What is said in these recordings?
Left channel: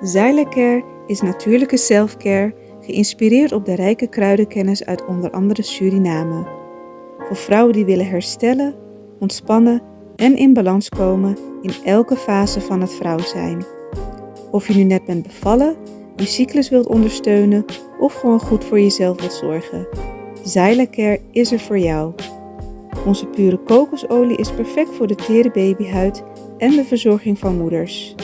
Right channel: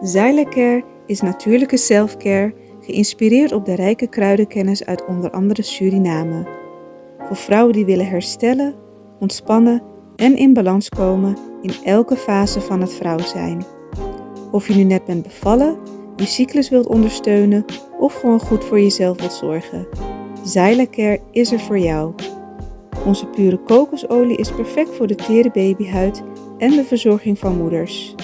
Zylecare is natuurlijke selfcare geïnspireerd op de rijke kruidenkennis uit onder andere Suriname. Voor vrouwen die willen herstellen, ontspannen en in balans komen in elke fase van het vrouw zijn. Of je nu net bent bevallen, je cyclus wilt ondersteunen of gewoon goed voor jezelf wilt zorgen. Zylecare is er voor jou. Onze pure kokosolie is perfect voor de tere babyhuid en de verzorging van moeders.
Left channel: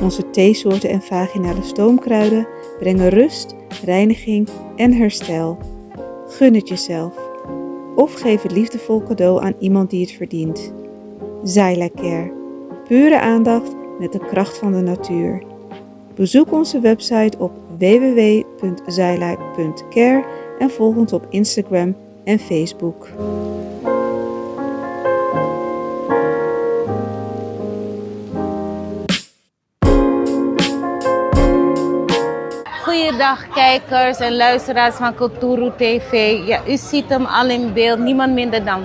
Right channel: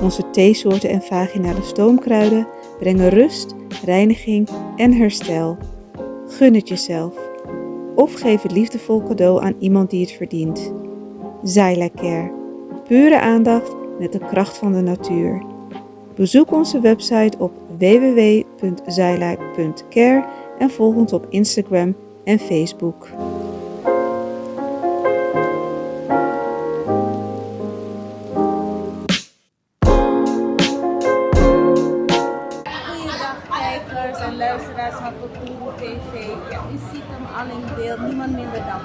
Onze theesoorten en vaginale stoomkruiden brengen rust, reiniging en herstel. Gun het jezelf. Of geef het liefdevol cadeau aan iemand die het verdient. Zylecare. Pure aandacht met de kracht van de natuur. Bezoek onze website op www.zyla.care en volg ons op Instagram en Facebook. Goeiedag kijkers en luisteraars van Kulturu TV. Ja, u ziet hem al in beeld, niemand minder dan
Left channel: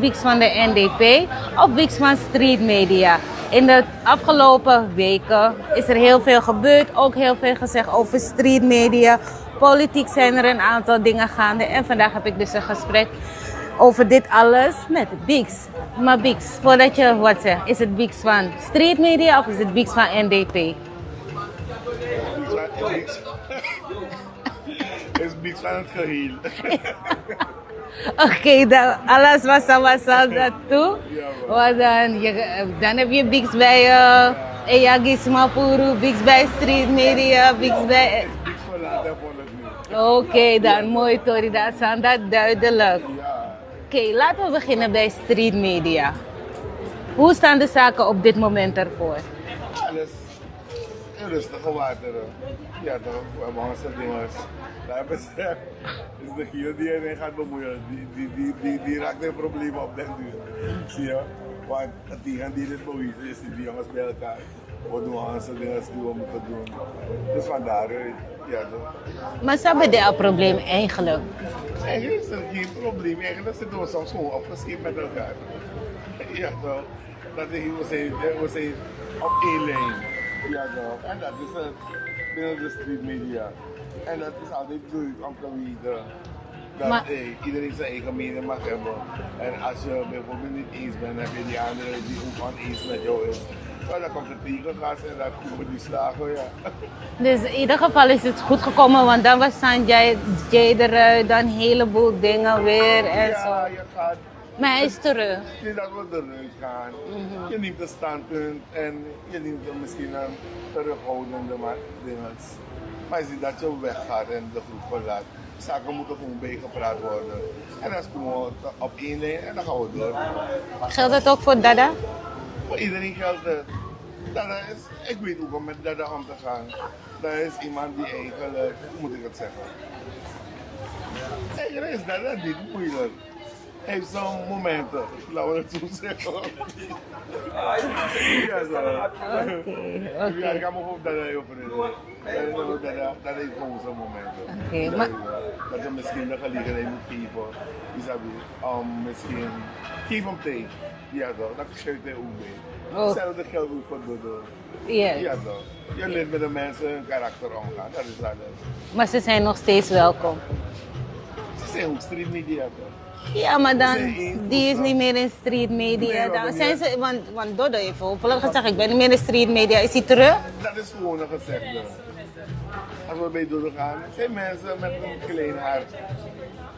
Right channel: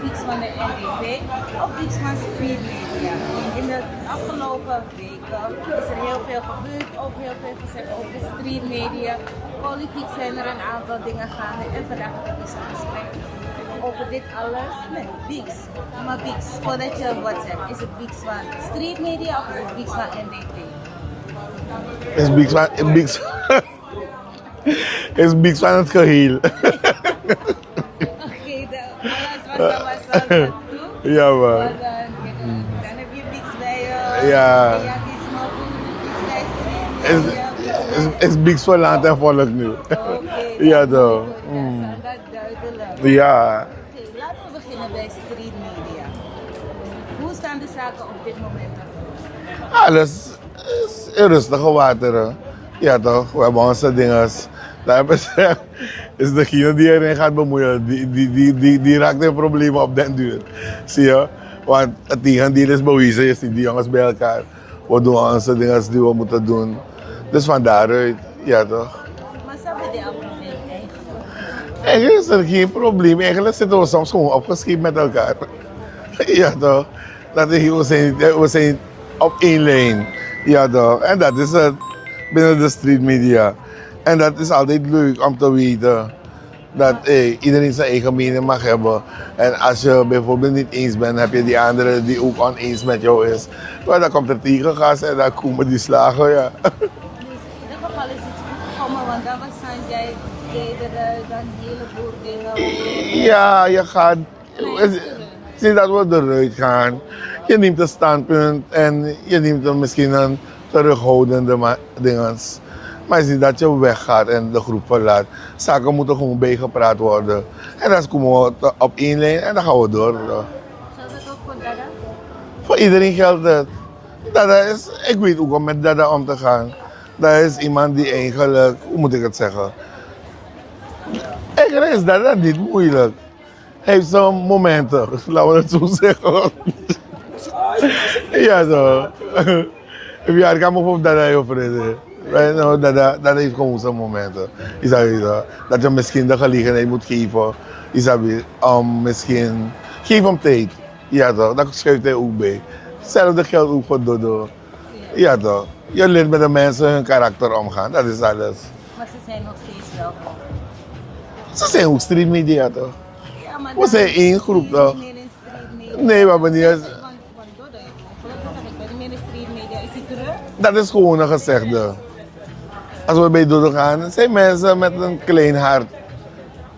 Bix van de NDP of Bix van Street Media. In de afgelopen weken is er heel veel gebeurd, ook heel veel gezegd over street media. Politiek zijn er een aantal dingen gaande en vandaag heb ik dus een gesprek over dit alles met Bix. Maar Bix, voordat je wat zegt, is het Bix van Street Media of is het Bix van NDP? Is Bix van het geheel. Oké, dan alles was dat toe. Ja, man. Maar dan heb je Bix bij Eyagisma Puru, Bix bij Street Media, Bix bij... Is Bix van land en volk nu. Oké, dat mooi Tori, dat is aan dat duidelijk. Ja. Oké, laten we beginnen bij Street Media. Hoe staan de zaken op dit moment ervoor? Alles is in rustige wateren. Ja toch, we hebben onze dinges. Daar hebben ze, is degene die erin gaat bemoeien, die raakt in problemen op den duur. Zie je? Want het tegendeel is bewezen, je ziet die jongens bij elkaar. We doen onze dingen die we moeten doen. Dus van daaruit, ja toch. Maar ze hebben daar een probleem eigenlijk. Eigenlijk is er geen probleem, eigenlijk zitten we soms gewoon opgeschreven met elkaar. Ja toch. We zijn op één lijn. Ja toch. En dat is het binnen de street media. En dat is altijd leuk om te weten dat iedereen zijn eigen mening mag hebben. En als je bijvoorbeeld niet eens bent, heb je die andere die ook oneens met jou is. Maar dan komt er tegengas en dan komen die slagen, ja. Dus in ieder geval is het goed gekomen, want dan was Sanjay eruit, dan een heleboel dingen weer. Ja, je gaat... Maar hij is terug. Zie dat we eruit gaan. Je neemt een standpunt en je neemt dan misschien een terughoudende dinges. Maar je ziet dat je weggaat en de groep verlaat. Zaken moeten gewoon bijgepraat worden. En dan komen we op één lijn en dan gaan we door. Geldt dat ook voor Dada? Voor iedereen geldt het. Dada is, ik weet ook om met Dada om te gaan. Dat is iemand die eigenlijk, hoe moet ik het zeggen? Eigenlijk is Dada niet moeilijk. Hij heeft zo'n momenten, laten we het zo zeggen. Ja zo. Ik kan me op Dada heel vrede. Dat heeft gewoon zijn momenten. Dat je misschien de gelegenheid moet geven. Misschien geef hem tijd. Ja toch, dat schuift hij ook bij. Hetzelfde geldt ook voor Dodo. Ja toch. Je leert met de mensen hun karakter omgaan, dat is alles. Maar ze zijn nog steeds welkom. Ze zijn ook street media toch? Ja, maar dan, zijn één groep, die is toch? niet meer in street media. Nee, maar niet... Want Dodo heeft hopelijk gezegd, ik ben niet meer in street media. Is hij terug? Dat is gewoon een gezegde. Als we bij Dodo gaan, zijn mensen met een klein hart.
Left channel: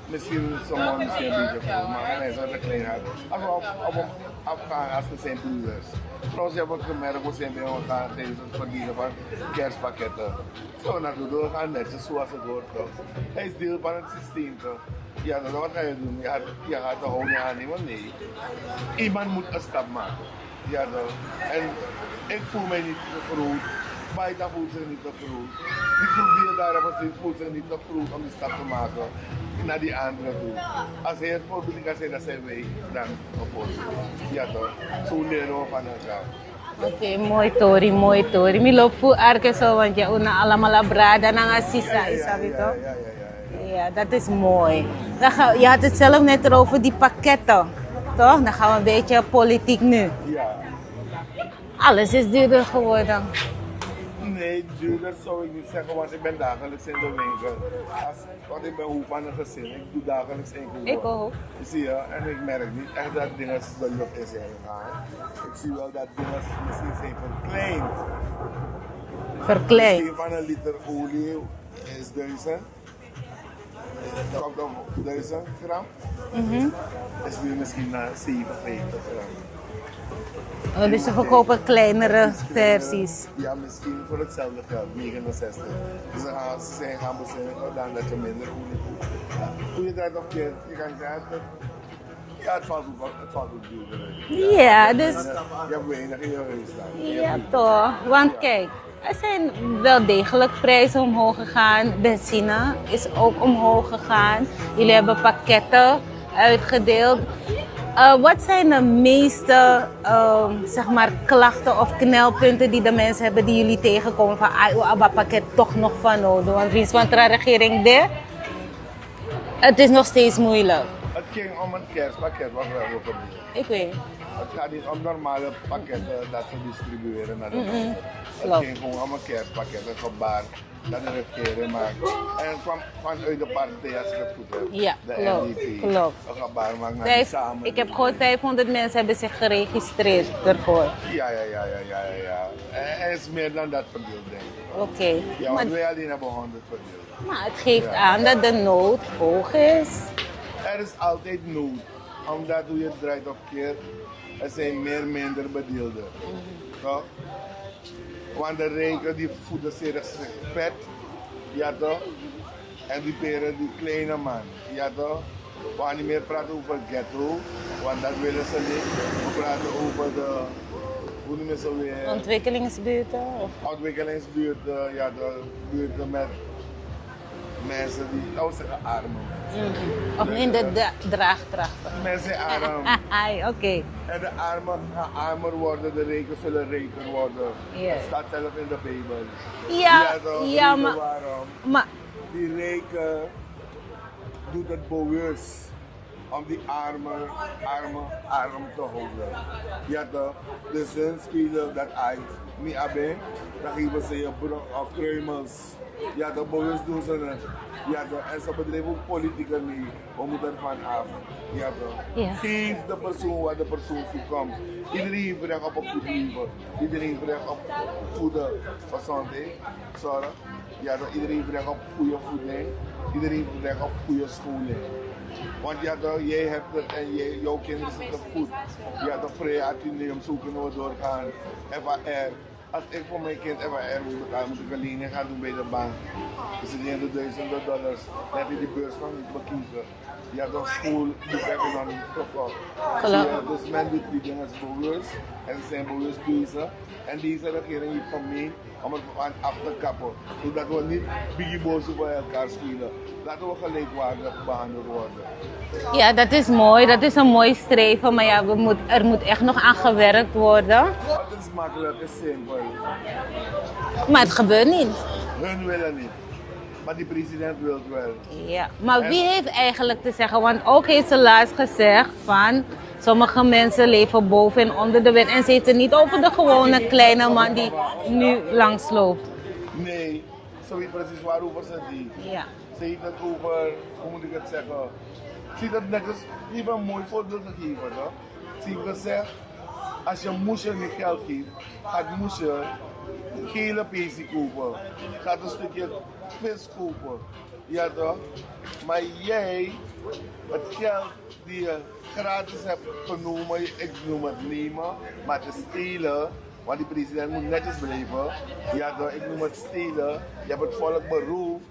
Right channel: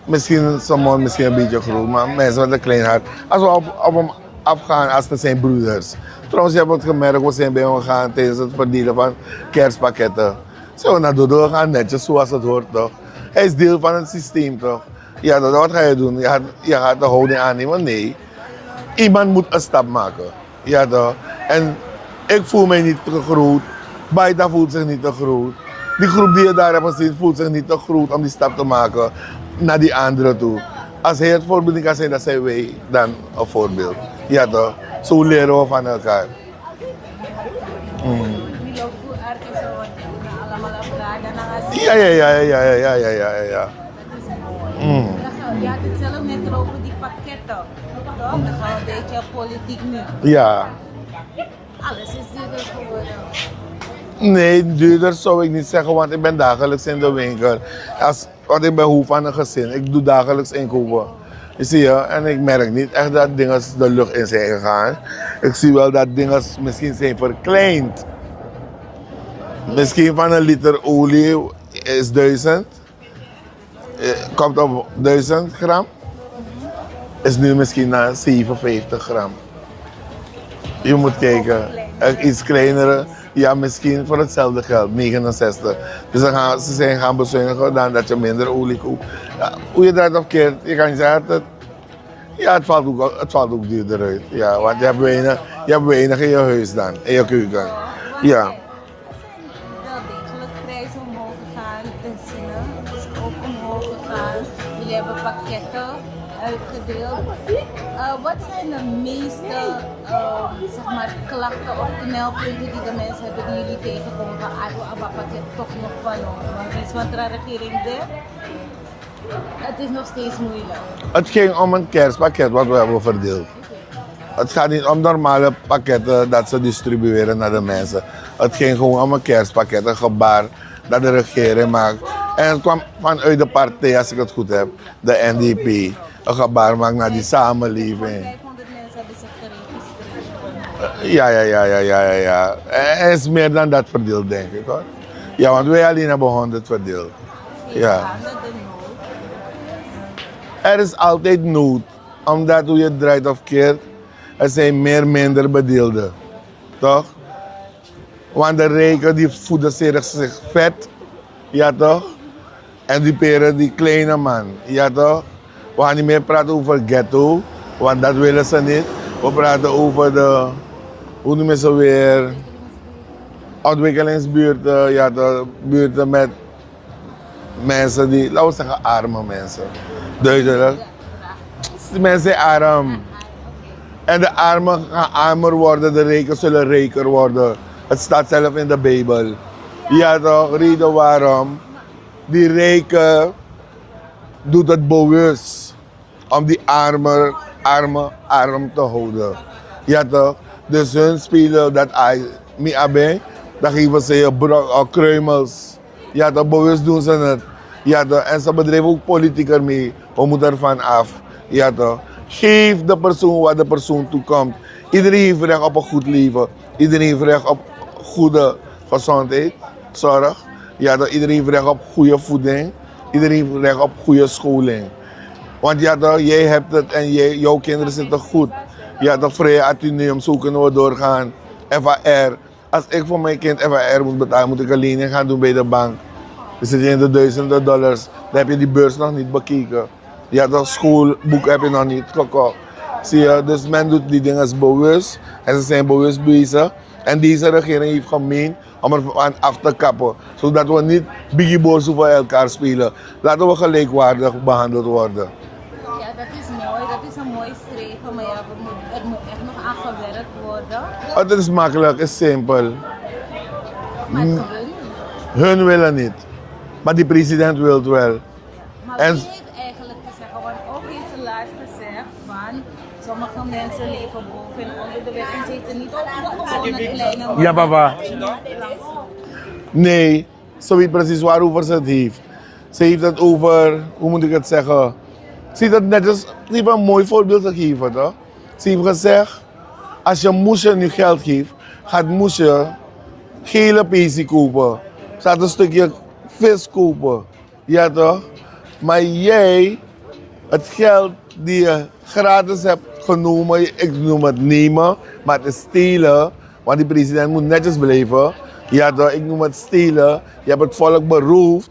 Misschien sommige misschien een beetje groot, maar mensen met een klein hart. Als we op hem afgaan als het zijn broeders. Trouwens, je hebt het gemerkt, we zijn bij hem gegaan tijdens het verdelen van kerstpakketten. Zijn we naar Dodo gaan, netjes zoals het hoort toch. Hij is deel van het systeem toch. Ja, wat ga je doen? Je gaat de houding aannemen? Nee. Iemand moet een stap maken. Ja toch. En ik voel mij niet te groot. Baita voelt zich niet te groot. Die groep die je daar hebt gezien voelt zich niet te groot om die stap te maken naar die anderen toe. Als hij het voorbeeld niet kan zijn, dan zijn wij dan een voorbeeld. Ja toch. Zo leren we van elkaar. Oké, mooi Tori, mooi Tori. Mi loop voor arke zo, want je una allemaal brada na ngasi. Ja. Ja, dat is mooi. Je had het zelf net erover die pakketten, toch? Dan gaan we een beetje politiek nu. Ja. Alles is duurder geworden. Nee, duurder zou ik niet zeggen, want ik ben dagelijks in de winkel. Want ik ben hoofd van een gezin. Ik doe dagelijks inkopen. Ik ook. Je ziet je, en ik merk niet echt dat dingen de lucht in zijn gegaan. Ik zie wel dat dingen misschien zijn verkleind. Verkleed. Misschien van een liter olie is 1000. Komt op 1000 gram. Is nu misschien naar 57 gram. Dus Je moet ze verkopen kijken. kleinere Iets kleinere. versies. Ja, misschien voor hetzelfde geld, 69. Dus ze zijn gaan bezuinigen dan dat je minder olie koopt. Ja, hoe je dat keert, je kan zeggen dat het valt ook duurder uit. Ja, Ja, want dus- je hebt weinig in je huis dan, in je keuken. Toch? Want Ja. kijk, er zijn wel degelijk prijzen omhoog gegaan. Benzine is ook omhoog gegaan. Jullie hebben pakketten uitgedeeld. Wat zijn de meeste zeg maar, klachten of knelpunten die de mensen hebben die jullie tegenkomen van dat pakket toch nog van nodig? Want wie is van de regering dit? Het is nog steeds moeilijk. Het ging om een kerstpakket wat we hebben verdeeld. Ik weet. Het gaat niet om normale pakketten dat ze distribueren naar de mensen. Het ging gewoon om een kerstpakket, een gebaar dat de regering maakt. En het kwam vanuit de partij, als ik het goed heb, Ja, de klopt, NDP. klopt. Een gebaar maakt naar die Ik heb samenleving. gewoon 500 mensen hebben zich geregistreerd daarvoor. Ja. Er is meer dan dat verdeeld, denk ik. Hoor. Oké. Ja, want wij alleen hebben 100 verdeeld. Nou, het geeft Ja. aan dat de nood hoog is. Er is altijd nood, omdat hoe je het draait of keert, er zijn minder bedeelden. Toch? Want de rijken die voeden zich vet, ja toch? En die peren die kleine man, ja toch? We gaan niet meer praten over ghetto, want dat willen ze niet. We praten over de, hoe noemen ze weer? Ontwikkelingsbuurten. Ontwikkelingsbuurten, ja toch? Buurten met mensen die, laten we zeggen arme mensen. Duidelijk. Draagkracht. Die mensen zijn arm. Oké. En de armen gaan armer worden, de rijken zullen rijker worden. Ja. Het staat zelf in de Bijbel. Ja, Ja toch, ja, reden maar- waarom. Maar Die rijken doet het bewust om die armen arm te houden. Ja toch? Dus hun spelen dat mi abe, dan geven ze je kruimels. Ja toch, bewust doen ze het. Ja toch, en ze bedrijven ook politiek ermee. We moeten ervan af. Ja toch? Ja. Geef de persoon wat de persoon toekomt. Iedereen heeft recht op een goed leven. Iedereen heeft recht op goede gezondheid, zorg. Ja toch, iedereen heeft recht op goede voeding. Iedereen heeft recht op goede scholing. Want ja toch, jij hebt het en jouw kinderen zitten goed. Ja toch, vrije attenuum, zo kunnen we doorgaan. FAR. Als ik voor mijn kind FAR moet betalen, moet ik een lening gaan doen bij de bank. Dan zit je in de duizenden dollars. Dan heb je die beurs nog niet bekeken. Ja toch, schoolboek heb je nog niet gekocht. Zie je, dus men doet die dingen bewust. En ze zijn bewust bezig. En deze regering heeft gemeend om er aan af te kappen. Zodat we niet biggie boos voor elkaar spelen. Laten we gelijkwaardig behandeld worden. ja, dat is mooi. Dat is een mooi streven. Maar ja, er moet echt nog aan gewerkt worden. Het is makkelijk, het is simpel. Maar het gebeurt niet. Hun willen niet. Maar die president wil het wel. Ja. Maar En- wie heeft eigenlijk te zeggen? Want ook heeft ze laatst gezegd van sommige mensen leven boven en onder de wet. En ze heeft het niet over de gewone kleine man Ja, papa. die nu langsloopt. Nee, ze weet precies waarover ze het heeft. Ja. Ze heeft het over, hoe moet ik het zeggen? Ze heeft het net als, ze heeft een mooi voorbeeld gegeven, toch? Ze heeft gezegd, als je moesje nu geld geeft, gaat moesje gele pesie kopen. Ze gaat een stukje vis kopen. Ja toch? Maar jij, het geld die je gratis hebt genomen, ik noem het nemen, maar het is stelen, want die president moet netjes blijven. Ja toch, ik noem het stelen. Je hebt het volk beroofd.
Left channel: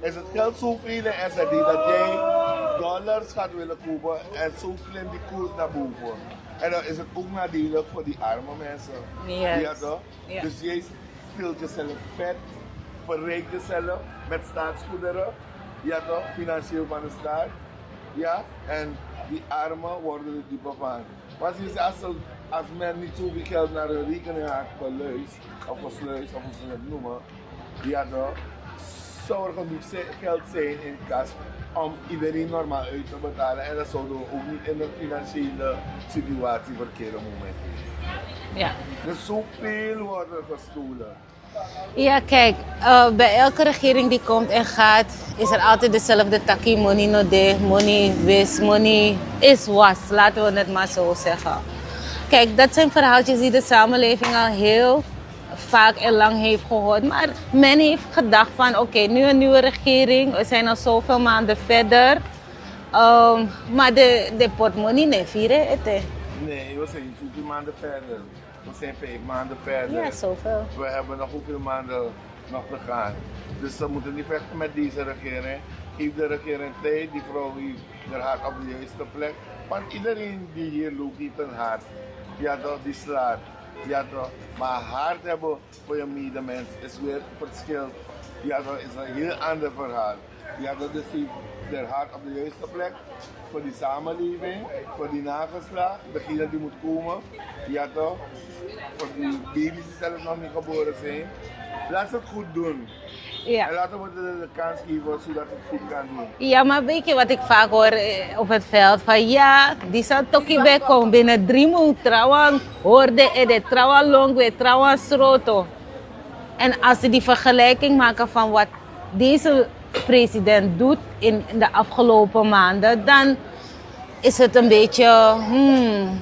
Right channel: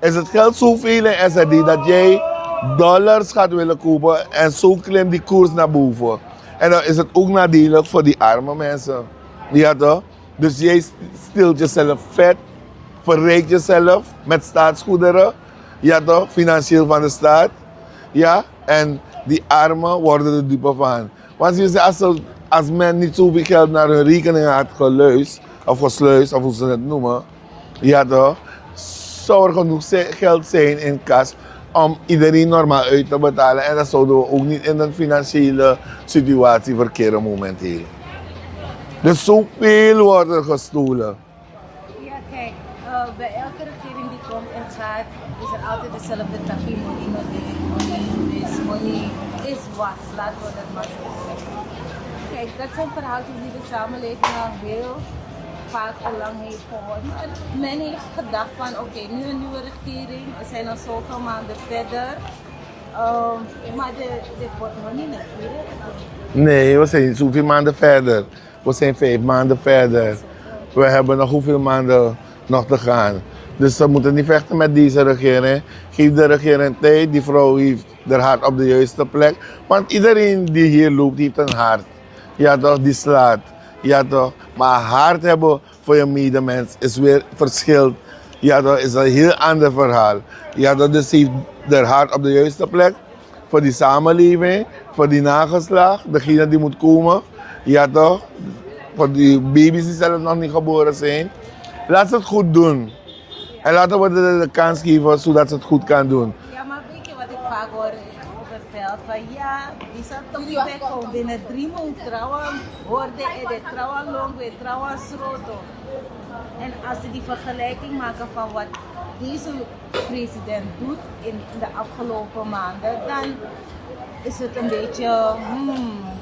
Is het geld zoveel in SRD dat jij dollars gaat willen kopen en zo klimt die koers naar boven. En dan is het ook nadelig voor die arme mensen. Ja. Ja toch? Ja. Dus jij stilt jezelf vet, verrijkt jezelf met staatsgoederen. Ja toch? Financieel van de staat. Ja? En die armen worden er dupe van. Want je zegt, als men niet zoveel geld naar hun rekening had gesluist, of hoe ze het noemen, ja toch, zou er genoeg geld zijn in kas om iedereen normaal uit te betalen. En dan zouden we ook niet in een financiële situatie verkeren momenteel. Ja. Dus zoveel wordt er gestolen. Ja, kijk, bij elke regering die komt en gaat, is er altijd dezelfde takkie. Money no de, money wis, money is was. Laten we het maar zo zeggen. Kijk, dat zijn verhaaltjes die de samenleving al heel vaak en lang heeft gehoord. Maar men heeft gedacht van, oké, nu een nieuwe regering. We zijn al zoveel maanden verder. Maar de portemonnee, nee, vieren het. Nee, we zijn niet zoveel maanden verder. We zijn 5 maanden verder. Ja, zoveel. We hebben nog hoeveel maanden nog te gaan. Dus we moeten niet vechten met deze regering. Geef de regering tijd. Die vrouw heeft haar hart op de juiste plek. Want iedereen die hier loopt, heeft een hart. Ja toch, die slaat. Ja toch. Maar hart hebben voor je medemens is weer verschil. Ja toch, is een heel ander verhaal. Ja toch, dus ze heeft haar hart op de juiste plek. Voor die samenleving, voor die nageslacht, degene die moet komen. Ja toch? Voor die baby's die zelf nog niet geboren zijn. Laat ze het goed doen. Ja. En laten we de kans geven zodat ze het goed kan doen. Ja, maar weet je wat ik vaak hoor op het veld? Van ja, die zal toch niet bij komen. Binnen 3 maanden trouwen, hoorde de trouwen long, weer trouwen sroto. En als ze die vergelijking maken van wat deze president doet in de afgelopen maanden, dan is het een beetje,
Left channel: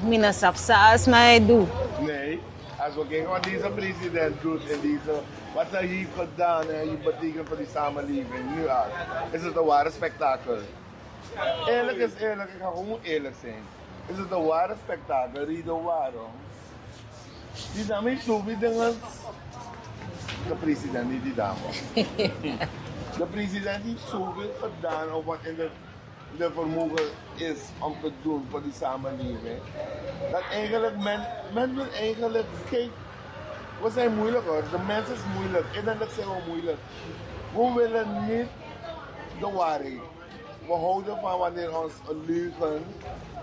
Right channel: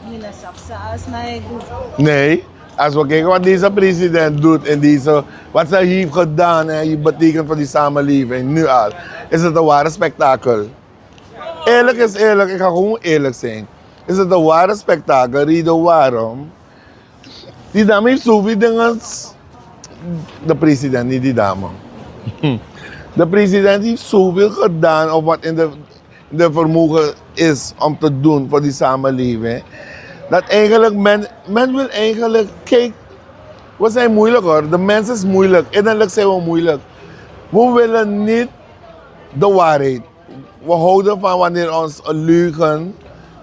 mina sapsa's mij doet. Nee, als we kijken wat deze president doet en wat zij heeft gedaan en je betekent voor die samenleving nu al, is het een ware spektakel. Eerlijk is eerlijk, ik ga gewoon eerlijk zijn. Is het een ware spektakel, reden waarom? Die dame heeft zoveel dingen. De president, niet die dame. De president heeft zoveel gedaan op wat in de vermogen is om te doen voor die samenleving. Dat eigenlijk men wil eigenlijk, kijk, we zijn moeilijk hoor. De mens is moeilijk. Innerlijk zijn we moeilijk. We willen niet de waarheid. We houden van wanneer ons een leugen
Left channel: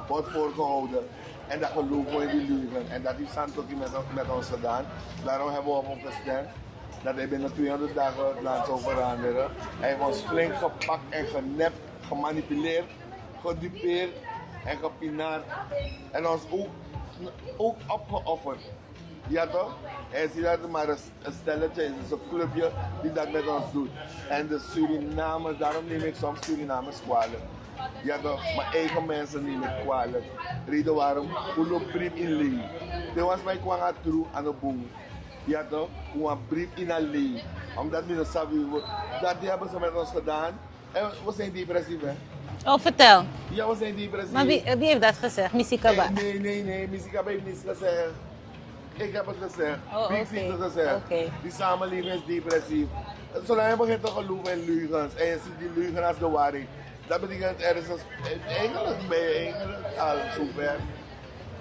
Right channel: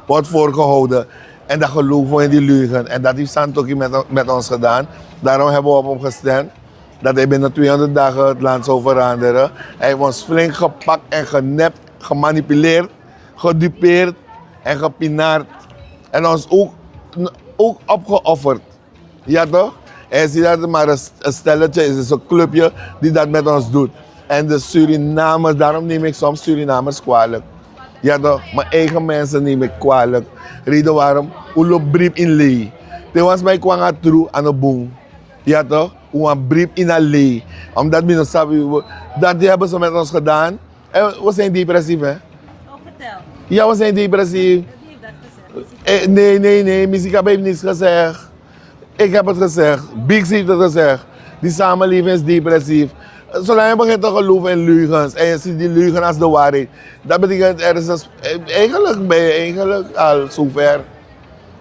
wordt voorgehouden. En dan geloven we in die leugen. En dat heeft Santokki met ons gedaan. Daarom hebben we op hem gestemd. Dat hij binnen 200 dagen het land zou veranderen. Hij heeft ons flink gepakt en genept, gemanipuleerd, gedupeerd en gepinaard. En ons ook opgeofferd. Ja toch? En zie dat het maar een stelletje is, een clubje die dat met ons doet. En de Surinamers, daarom neem ik soms Surinamers kwalijk. Ja toch? Mijn eigen mensen neem ik kwalijk. Reden waarom? Ulo brief in lei. Dit was mij kwam true aan de boom. Ja toch? Een brief in een lei. Omdat we sabi, dat hebben ze met ons gedaan. En we zijn depressief hè. Oh, vertel. Ja, we zijn depressief. Wie heeft dat gezegd? Misika? Nee. Misika heeft niets gezegd. Ik heb het gezegd. Big heeft het gezegd. Okay. Die samenleving is depressief. Zolang je begint te geloven in leugens en je ziet die leugen als de waarheid, dat betekent er is eigenlijk ben je eigenlijk al zover.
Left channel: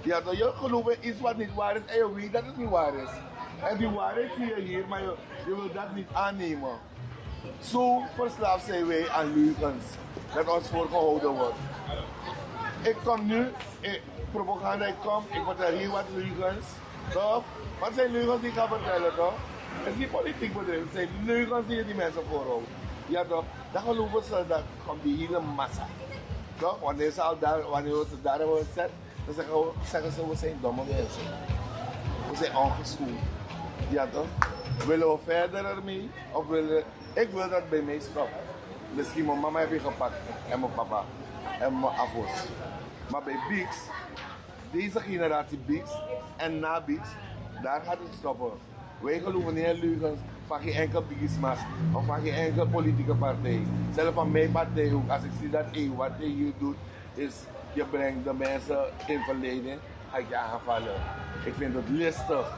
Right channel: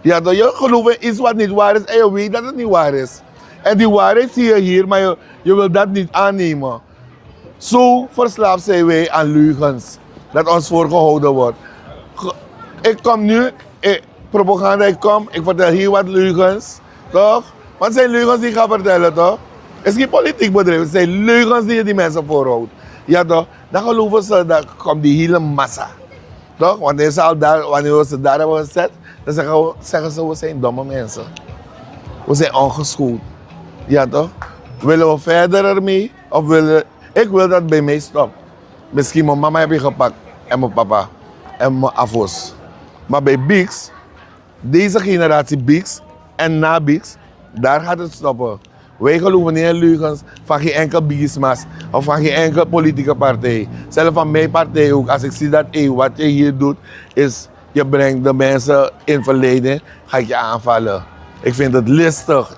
Ja, dat je gelooft in iets wat niet waar is en je weet dat het niet waar is. En die waarheid zie je hier, maar je wil dat niet aannemen. Zo verslaafd zijn wij aan leugens. Dat ons voorgehouden wordt. Ik kom nu, propaganda, ik vertel hier wat leugens, toch? Want het zijn leugens die ik ga vertellen, toch? Het is geen politiek bedrijf, het zijn leugens die je die mensen voorhoudt. Ja toch? Dan geloven ze, dat komt die hele massa. Toch? Wanneer we ze daar hebben gezet, dan zeggen ze, we zijn domme mensen. We zijn ongeschoold. Ja toch? Willen we verder ermee? Of ik wil dat bij mij stopt. Misschien mijn mama heb je gepakt en mijn papa en mijn afos. Maar bij Bix, deze generatie Bix en na Bix, daar gaat het stoppen. Wij geloven niet in leugens van geen enkel bigismas of van geen enkele politieke partij. Zelfs van mijn partij ook. Als ik zie dat wat je hier doet, is je brengt de mensen in verleiding, ga ik je aanvallen. Ik vind het listig,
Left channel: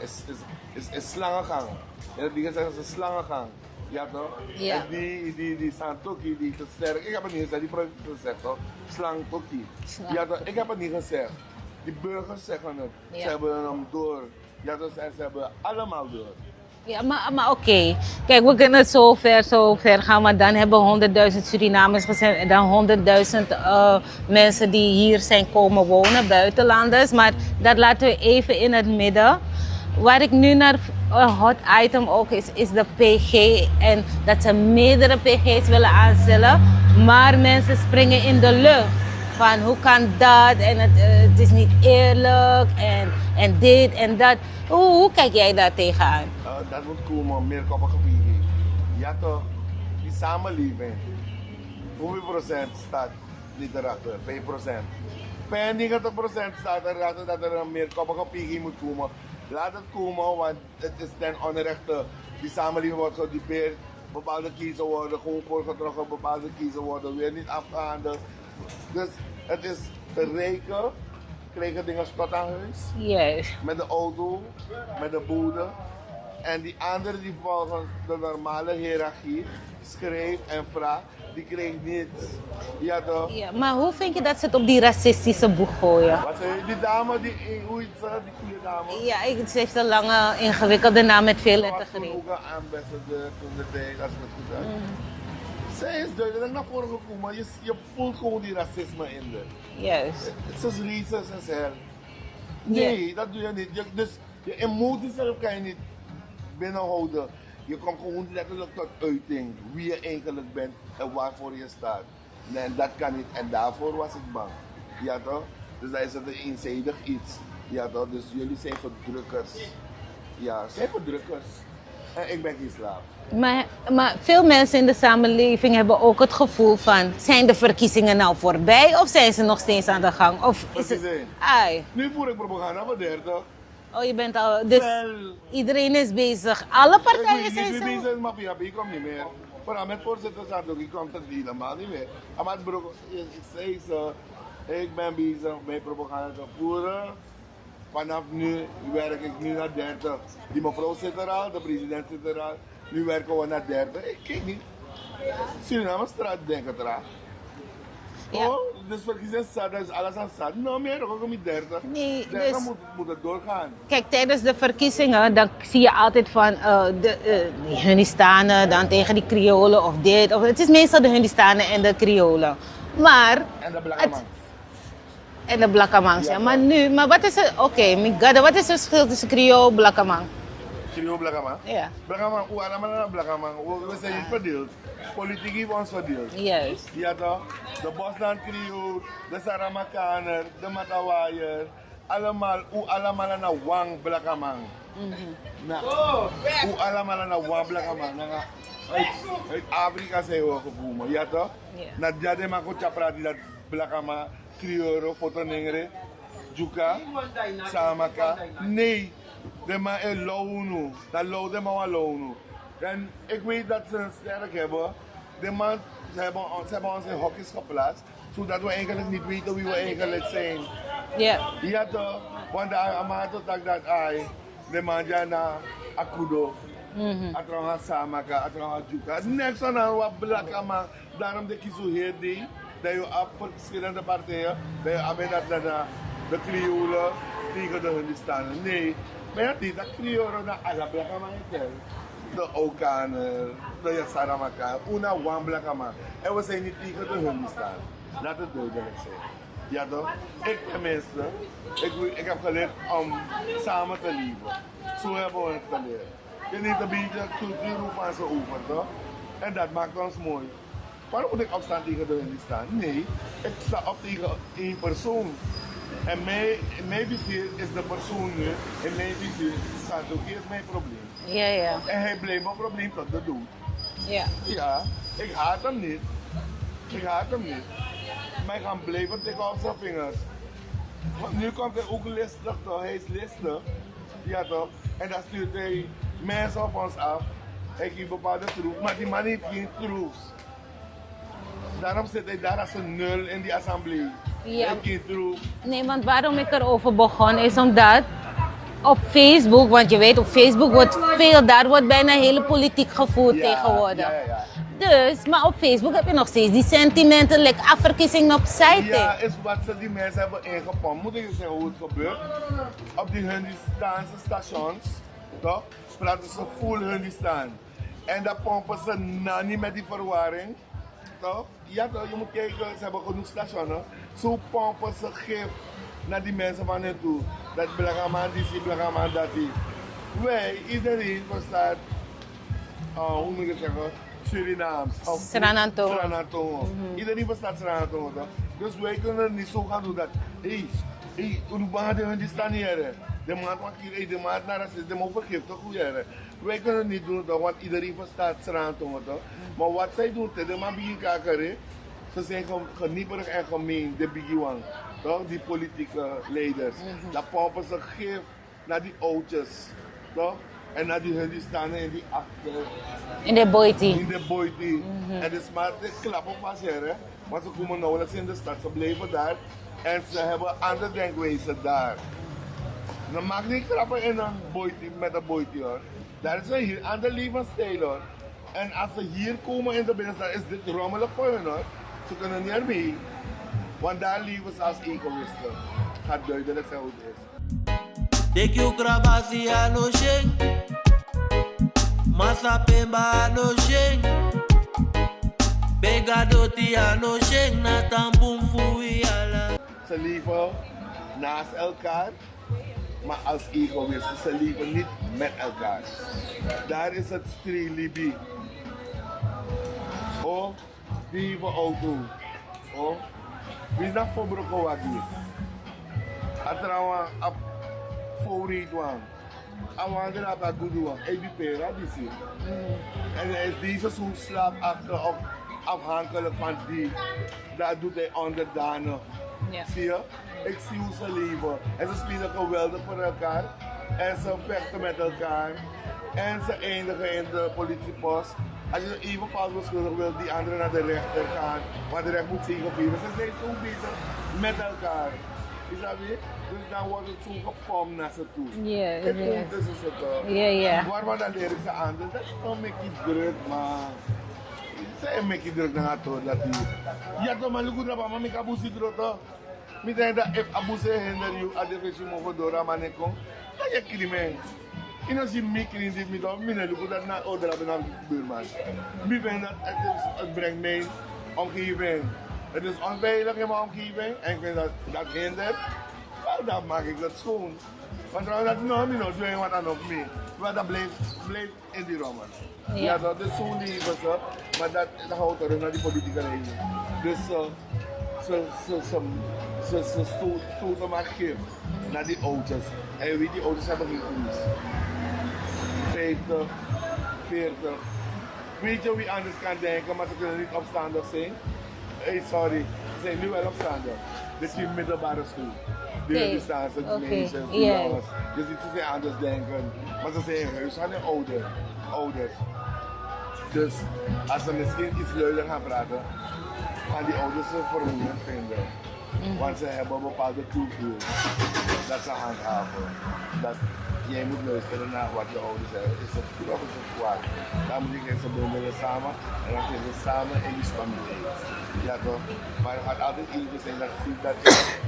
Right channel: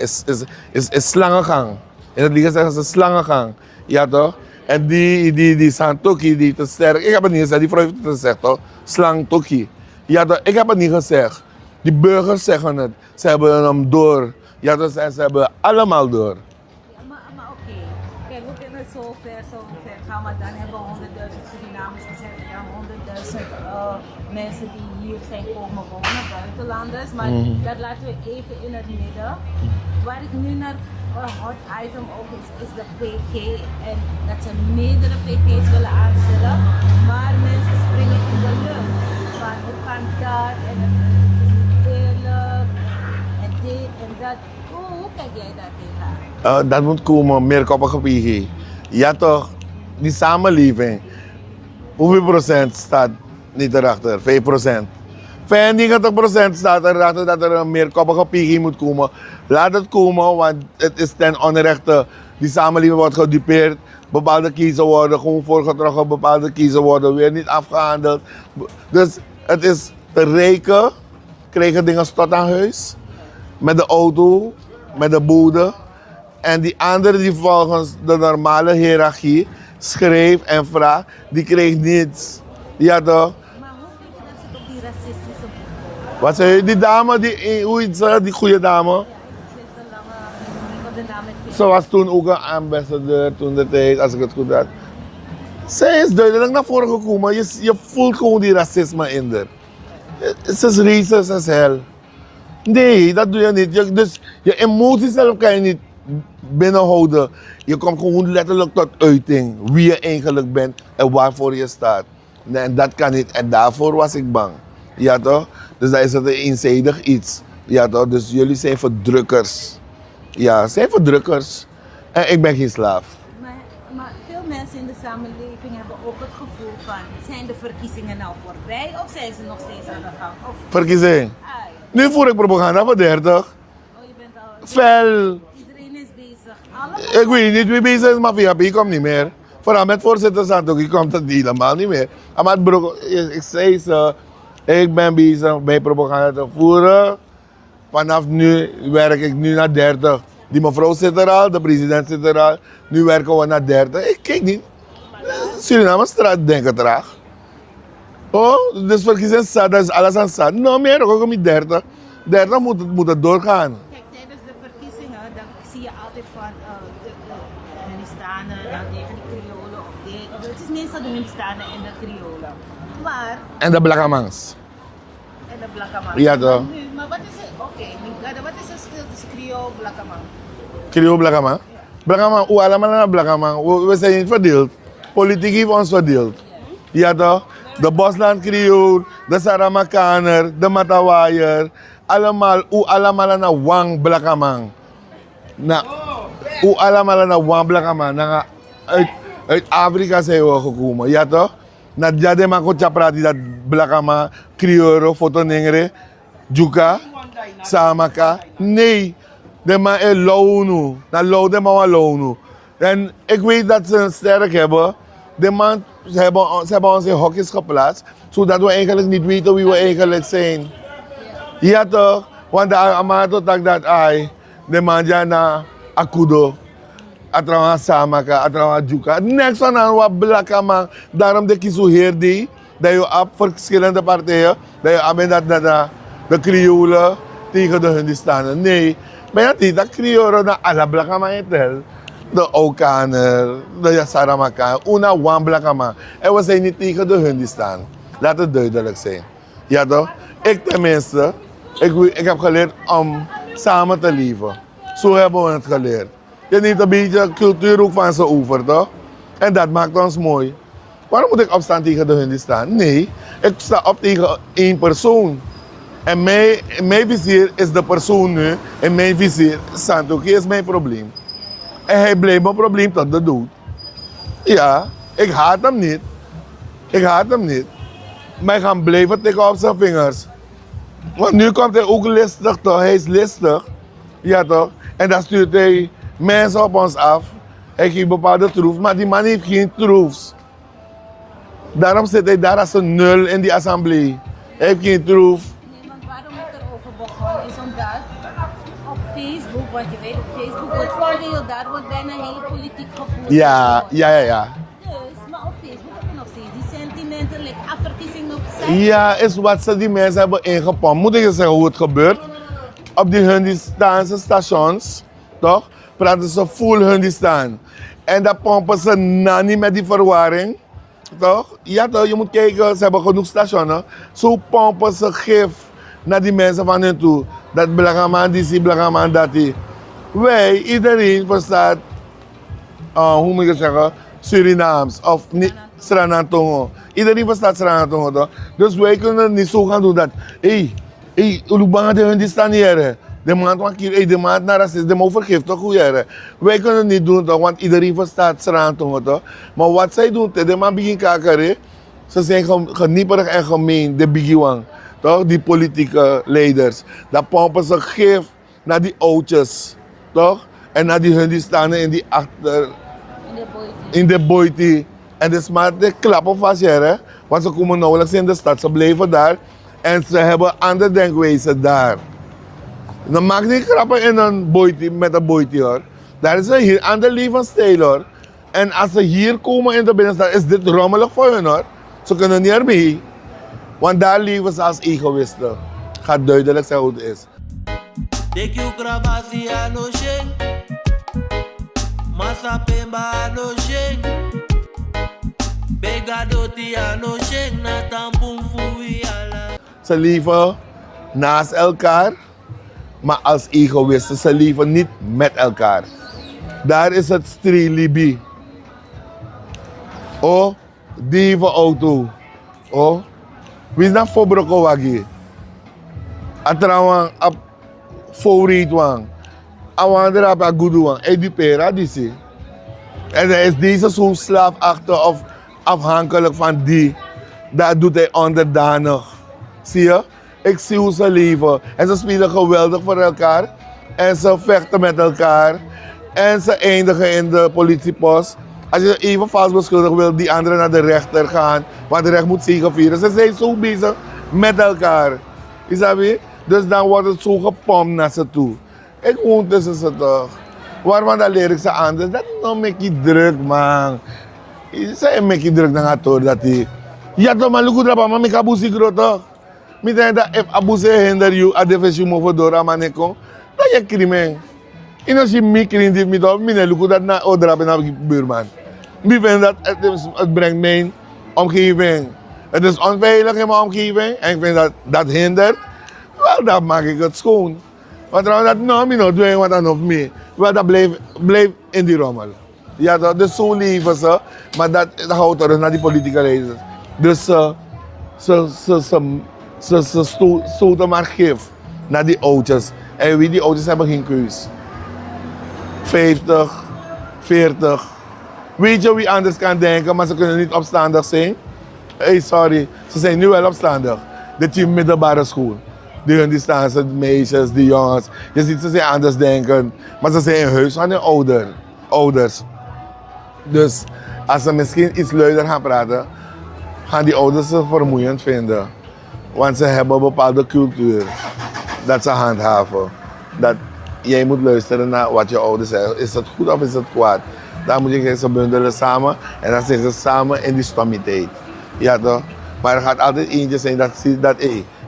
is slangengang. In het liegen zeggen ze slangengang. Ja toch? Ja. En die Santokki, die te sterk. Ik heb het niet gezegd, die vrouw heeft het gezegd toch? Slangtokki. Ja toch? Ik heb het niet gezegd. Die burgers zeggen het. Ja. Ze hebben hem door. Ja, dus ze hebben allemaal door. Ja, maar oké. Kijk, we kunnen zo ver gaan, maar dan hebben 100.000 Surinamers gezegd en dan 100.000 mensen die hier zijn komen wonen, buitenlanders. Maar dat laten we even in het midden. Waar ik nu naar een hot item ook is de PG en dat ze meerdere PG's willen aanstellen, maar mensen springen in de lucht. Van hoe kan dat en het is niet eerlijk en en dit en dat. Hoe kijk jij daar tegenaan? Dat moet komen, meerkoppige PG. Ja toch, die samenleving. Hoeveel procent staat niet erachter? 5%. 95% staat erachter dat er een meerkoppige PG moet komen. Laat het komen, want het is ten onrechte. Die samenleving wordt gedupeerd. Bepaalde kiezen worden gewoon voorgetrokken, bepaalde kiezen worden weer niet afgehandeld. Dus het is de rijken krijgen dingen tot aan huis. Juist. Met de auto, met de bode. En die anderen die volgens de normale hiërarchie schreef en vraagt, die kreeg niets. Ja toch? Ja, maar hoe vind je dat ze het op die racistische boeg gooien? Wat zei je? Die dame, hoe heet ze, die goede dame? Ja, ze heeft een lange, ingewikkelde naam met veel... Ze was toen ook een ambassadeur toen de tijd, als ik het goed had. Zij is duidelijk naar voren gekomen. Je voelt gewoon die racisme in haar. Juist. Ze is racist as hell. Nee, dat doe je niet. Dus je emoties zelf kan je niet binnenhouden. Je komt gewoon letterlijk tot uiting wie je eigenlijk bent en waarvoor je staat. Nee, en dat kan niet. En daarvoor was ik bang. Ja toch? Dus dat is het een eenzijdig iets. Ja toch? Dus jullie zijn verdrukkers. Ja, zijn verdrukkers. En ik ben geen slaaf. Maar veel mensen in de samenleving hebben ook het gevoel van... zijn de verkiezingen nou voorbij of zijn ze nog steeds aan de gang? Of Verkiezing. Ai. Nu voer ik propaganda voor 30. Oh, je bent al... Dus Fel. iedereen is bezig. Alle partijen Ik weet niet wie zijn bezig is, maar VHP komt niet meer. Vooral met voorzitter Santoki komt het helemaal niet meer. Maar bro, ik zei ze, ik ben bezig bij propaganda te voeren. Vanaf nu werk ik nu naar 30. Die mevrouw zit er al, de president zit er al. Nu werken we naar 30. Ik kijk niet. Suriname straat denken traag. Oh, dus verkiezen staat, dat is alles aan staat. Nou meer, ook met 30. Nee, 30 dus- moet het doorgaan. Kijk, tijdens de verkiezingen dan zie je altijd van de Hunnistanen dan tegen die Kriolen of dit. Of, het is meestal de Hunnistanen en de Kriolen. Maar, En de Blakamangs. en de Blakkamang. Ja, maar toch. nu, maar wat is het, oké, Migada, wat is het verschil tussen Kriool en Blakkamang? Krio Blakamang. Ja. Blakamang, hoe allemaal naar Blakamang. We zijn niet verdeeld. Politiek heeft ons verdeeld. Juist. Ja toch? De Bosland Creool, de Saramakaner, de Matawaier. Allemaal naar Wang Blakamang. Hoe allemaal naar Wang Blakamang. Uit Afrika zijn we gekomen, ja toch? Na Jadema Kocha prati dat Blakamang, Krioro, Fotonengre, Juka, Samaka. Nee, de man is Lounu. Na Lou de man Lounu. En ik weet dat ze een sterk hebben. De man, ze hebben ons in hokjes geplaatst, zodat we eigenlijk niet weten wie we eigenlijk zijn. Ja. Ja toch? Want de amato tak dat ay, de man na akudo. Atrawa samaka, atrawa juka. Next one aan wat Blakkamang. Daarom de kies heer die, dat je op verschillende partijen, dat je aan dat de Kriolen tegen de Hundistanen. Nee, maar ja, die dat Kriolen na alle Blakkamang tel. De Okaner, de Saramaka, una wan Blakkamang. En we zijn niet tegen de Hundistan. Laat het duidelijk zijn. Ja toch? Ik tenminste, ik heb geleerd om samen te leven. Zo hebben we het geleerd. Je neemt een beetje cultuur ook van ze over, toch? En dat maakt ons mooi. Waarom moet ik opstaan tegen de Hundistan? Nee, ik sta op tegen één persoon. En mijn vizier is de persoon nu. En mijn vizier, Santoki, is mijn probleem. Ja, ja. En hij bleef mijn probleem tot de dood. Ja. Ja, ik haat hem niet. Ik haat hem niet. Maar ik ga blijven tikken op zijn vingers. Want nu komt hij ook listig toch? Hij is listig. Ja toch? En dan stuurt hij mensen op ons af. Hij geeft bepaalde troefs, maar die man heeft geen troefs. Daarom zit hij daar als een nul in die assemblee. Ja. Hij heeft geen troef. Nee, want waarom ik erover begon is omdat op Facebook, want je weet op Facebook wordt veel, daar wordt bijna hele politiek gevoerd Ja, tegenwoordig. ja. Dus, maar op Facebook heb je nog steeds die sentimenten, like afverkiezing opzij. Ja, is wat ze die mensen hebben ingepompt. Moet ik je zeggen hoe het gebeurt? Op die Hundistaanse stations, toch? Praten ze full Hundistan. En dan pompen ze nani met die verwarring, toch? Ja toch, je moet kijken, ze hebben genoeg stations. Zo pompen ze gif naar die mensen van hun toe. Dat Blakkamang die, Blakkamang dat die. Wij, iedereen verstaat, hoe moet ik het zeggen? Surinaams of Sranantongo. Sranantongo. Iedereen verstaat Sranantongo toch? Dus wij kunnen niet zo gaan doen dat, hey, hoe bang de hun die staan hier? De man want hier, de man naar racist, de man vergeeft toch hoe jij. Wij kunnen het niet doen toch, want iedereen verstaat straan toch. Maar wat zij doen, de man begint kakeren. Ze zijn genieperig en gemeen, de bigiwang. Toch? Die politieke leiders. Dan pompen ze gif naar die oudjes. Toch? En naar die hun die staan in die achter. In de boiti. En dus maar de klappen vast hier, hè. Want ze komen nauwelijks in de stad, ze blijven daar. En ze hebben andere denkwijze daar. Dan maak die grappen in een boiti, met een boiti hoor. Daar is een hier ander levensstijl hoor. En als ze hier komen in de binnenstad, is dit rommelig voor hun hoor. Ze kunnen niet erbij. Want daar leven ze als egoïsten. Gaat duidelijk zijn hoe het is. Ze leven naast elkaar, maar als egoïsten. Ze leven niet met elkaar. Daar is het strilibi. Oh, die auto. Oh, wie is dat voor brokowagi? Atrawang ap favoriet wang. Awander ap agudu wang. Edupera disi. En hij is deze zo slaafachtig of afhankelijk van die. Dat doet hij onderdanig. Ja. Zie je? Ik zie hoe ze leven. En ze spelen geweldig voor elkaar. En ze vechten met elkaar. En ze eindigen in de politiepost. Als je even vast beschuldigd wil, die anderen naar de rechter gaan. Want de recht moet zegevieren. Ze zijn zo bezig met elkaar. Is dat weer? Dus dan wordt het zo gepompt naar ze toe. Yeah, ik woon tussen ze toch. Waarvan dat leer ik ze anders. Dat is nog een beetje druk, man. Ze zijn een beetje druk dan gaat door dat hij. Ja toch, maar lukt dat, maar ik heb abusi groot toch. Ik denk dat if abusi hinder you, a defensie moet door, maar ik kom. Dat is crimineel. En als je mij krijgt, ik lukt dat naar Odrap en naar de buurman. Ik vind dat het brengt mijn omgeving. Het is onveilig in mijn omgeving en ik vind dat dat hindert. Wel, dan maak ik het schoon. Maar trouwens, dat nou doe wat dan op mij. Wel, dat blijft in die rommel. Ja, dat is zo leven ze, maar dat houdt er naar die politieke leiders. Dus ze stoten maar gif naar die oudjes. En wie die oudjes hebben geen keus. 50, 40. Weet je wie anders kan denken, maar ze kunnen niet opstandig zijn? Hey, sorry, ze zijn nu wel opstandig. Dit is middelbare school. Die staan ze, meisjes, die jongens. Je ziet ze zijn anders denken, maar ze zijn in huis van hun ouders. Dus als ze misschien iets luider gaan praten, gaan die ouders ze vermoeiend vinden. Want ze hebben een bepaalde cultuur dat ze handhaven. Dat jij moet luisteren naar wat je ouders zeggen. Is het goed of is het kwaad? Dan moet je ze bundelen samen en dan zijn ze samen in die stomiteit. Ja toch? Maar er gaat altijd eentje zijn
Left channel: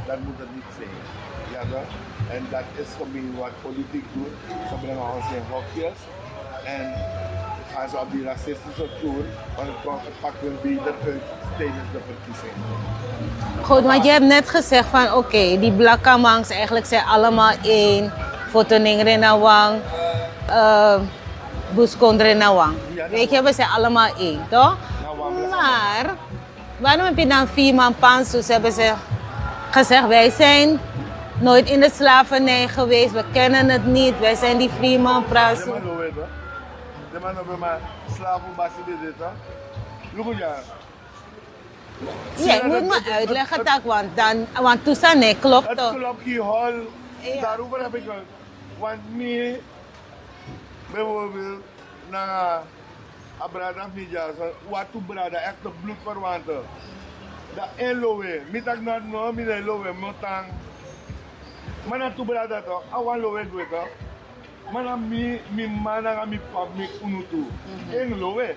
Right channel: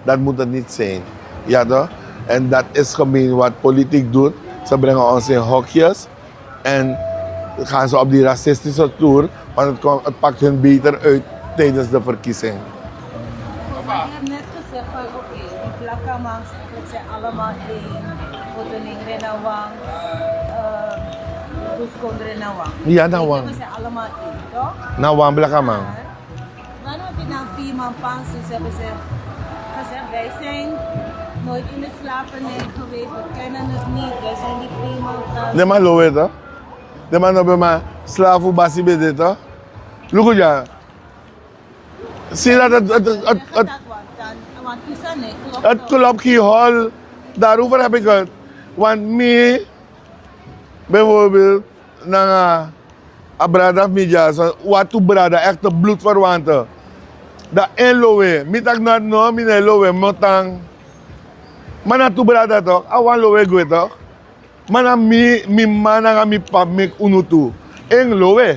dat moet het niet zijn. Ja toch? En dat is gemeen wat politiek doet. Ze brengen ons in hokjes en gaan ze op die racistische toer, want het pakt hun beter uit tijdens de verkiezing. Goed, want je hebt net gezegd van oké, die Blakamangs eigenlijk zijn allemaal één. Fotoning Renawang, Buskond Renawang. Ja, we zijn allemaal één, toch? Nawang Blakamang. Maar waarom heb je dan 4 man pansus? Hebben ze gezegd, wij zijn nooit in de slavernij geweest, we kennen het niet, wij zijn die 4 man pansus. De man lowe toch? De man hebben maar slavu basi bede toch? Look ja. Zie dat want toestand nee, klopt toch? Het klopt gehol. Daarover heb ik het. Want mij, bijvoorbeeld, naar Abrada Media, wat toe brada, echte bloedverwanten. Dat in lowe, mi tak not no, mi ne lowe, motang. Maar na toe brada toch, awan lowe goed toch? Maar na mi man na mi pap mek unutu. In lowe.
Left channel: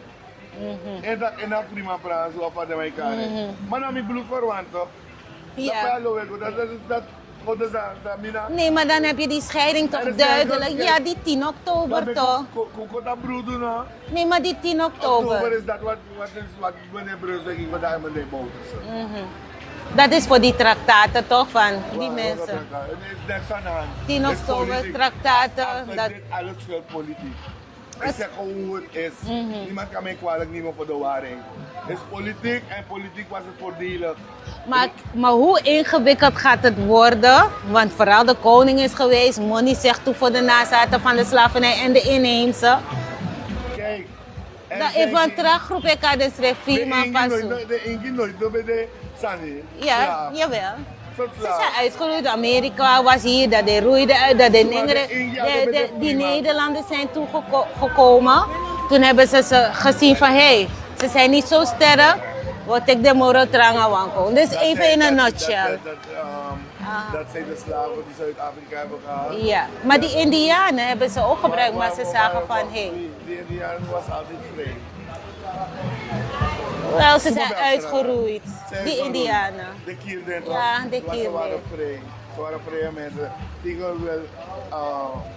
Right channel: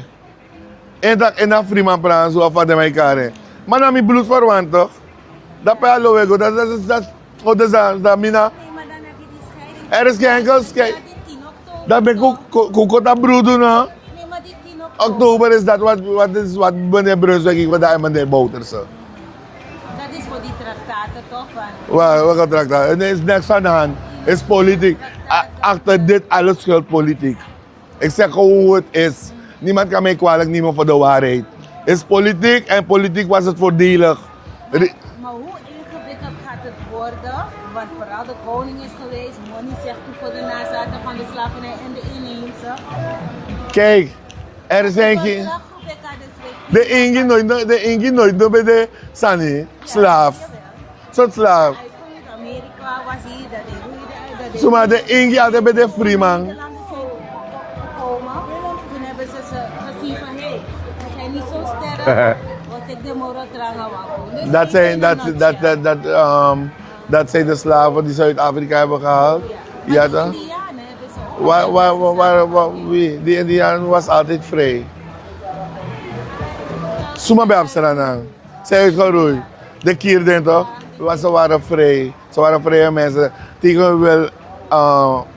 En dat vriend praat zo af de mij kare. Maar na mi bloedverwant toch? Dat bij lowe goed, dat mina. Nee, maar dan heb je die scheiding. Er is ja, die 10 oktober. Dat ben ik dat broeder nou. Nee, maar die 10 oktober. Oktober is dat wat meneer Brunswijk ik wat daar meneer Bouterse. Dat is voor die traktaten toch van? Welke traktaten? Er is niks aan de hand. Het is politiek. Achter dit alles schuilt politiek. Ik zeg gewoon hoe het is. Niemand kan mij kwalijk nemen voor de waarheid. Het is politiek en politiek was het voordelig Maar hoe ingewikkeld gaat het worden? Want vooral de koning is geweest. Money zegt toe voor de nazaten van de slavernij en de inheemse. Kijk, er zijn Ik geen... groep ik dus De Ingi nooit bij de Sani, slaaf. Jawel. Soort slaaf. Ze zijn uitgeroeid, Amerika was hier, dat de roeide uit, dat de Maar de Ingi hadden bij de Freeman. Nederlanders zijn toegekomen. Toen hebben ze gezien van, hé, ze zijn niet zo sterk. Wat ik de moro tranga wanko. Dus even in een nutshell. Dat zijn de slaven die Zuid-Afrika hebben gehaald. Ja, maar die Indianen hebben ze ook gebruikt. Die Indianen was altijd vrij. Wel, ze zijn uitgeroeid. Ze zijn uitgeroeid. De Kierden toch? Want ze waren vrij. Ze waren vrije mensen. Tegen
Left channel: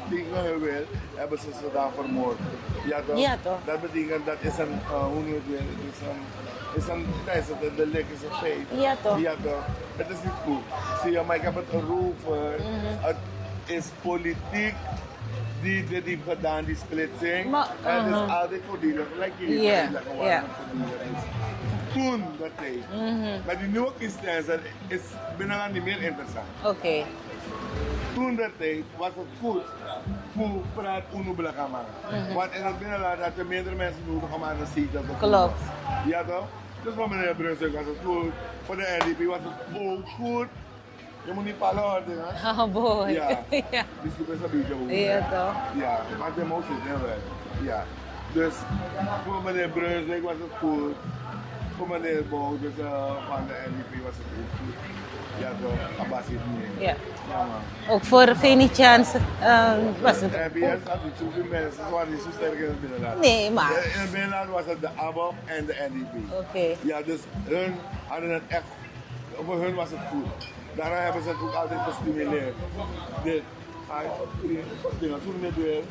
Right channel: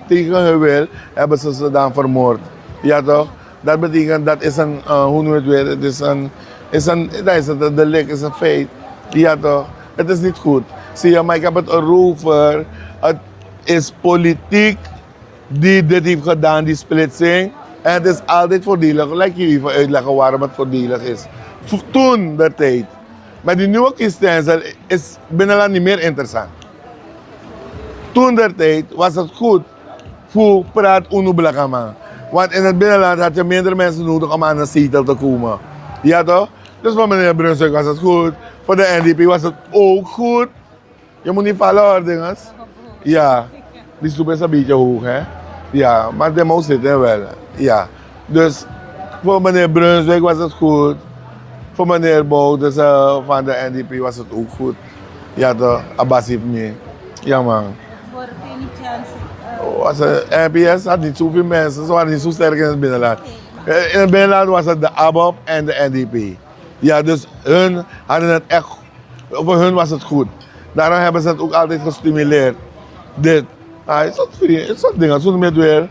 hun wil hebben ze dan vermoord. Ja toch? Ja, toch? Dat betekent, dat is een, hoe noem je het weer? Het is een delict, is een feit. Ja, toch? Ja toch? Het is niet goed. Zie je, maar ik heb het erover. Het is politiek die dit heeft gedaan, die splitsing. En het is altijd voordelig. Laat je even uitleggen waarom het voordelig is. Toen de tijd. Maar die nieuwe kiesstelsel is binnenland niet meer interessant. Oké. Toen de tijd was het goed voor praat Uno Blakama. Want in het binnenland had je minder mensen nodig om aan een zetel te komen. Klopt. Ja toch? Dus voor meneer Brunswijk was het goed. Voor de NDP was het ook goed. Je moet niet vallen hoor, dinges. Oh boy. Ja. Ja. Die stoep is een beetje hoog, Ja, hè? toch? Ja, maar de moest zitten wel. Ja. Dus voor meneer Brunswijk was het goed. Voor meneer Bouders van de NDP was het ook goed. Ja toch? Abbas heeft mee. Ja. Ja man. Ook voor Venetiaans. NPS had niet zoveel mensen, ze waren niet zo sterk in het binnenland. Nee, maar. In het binnenland was het de ABOP en de NDP. Oké. Ja, dus hun hadden het echt, voor hun was het goed. Daarom hebben ze het ook altijd gestimuleerd. Dit. Het is dat ding, hoe noem je het weer?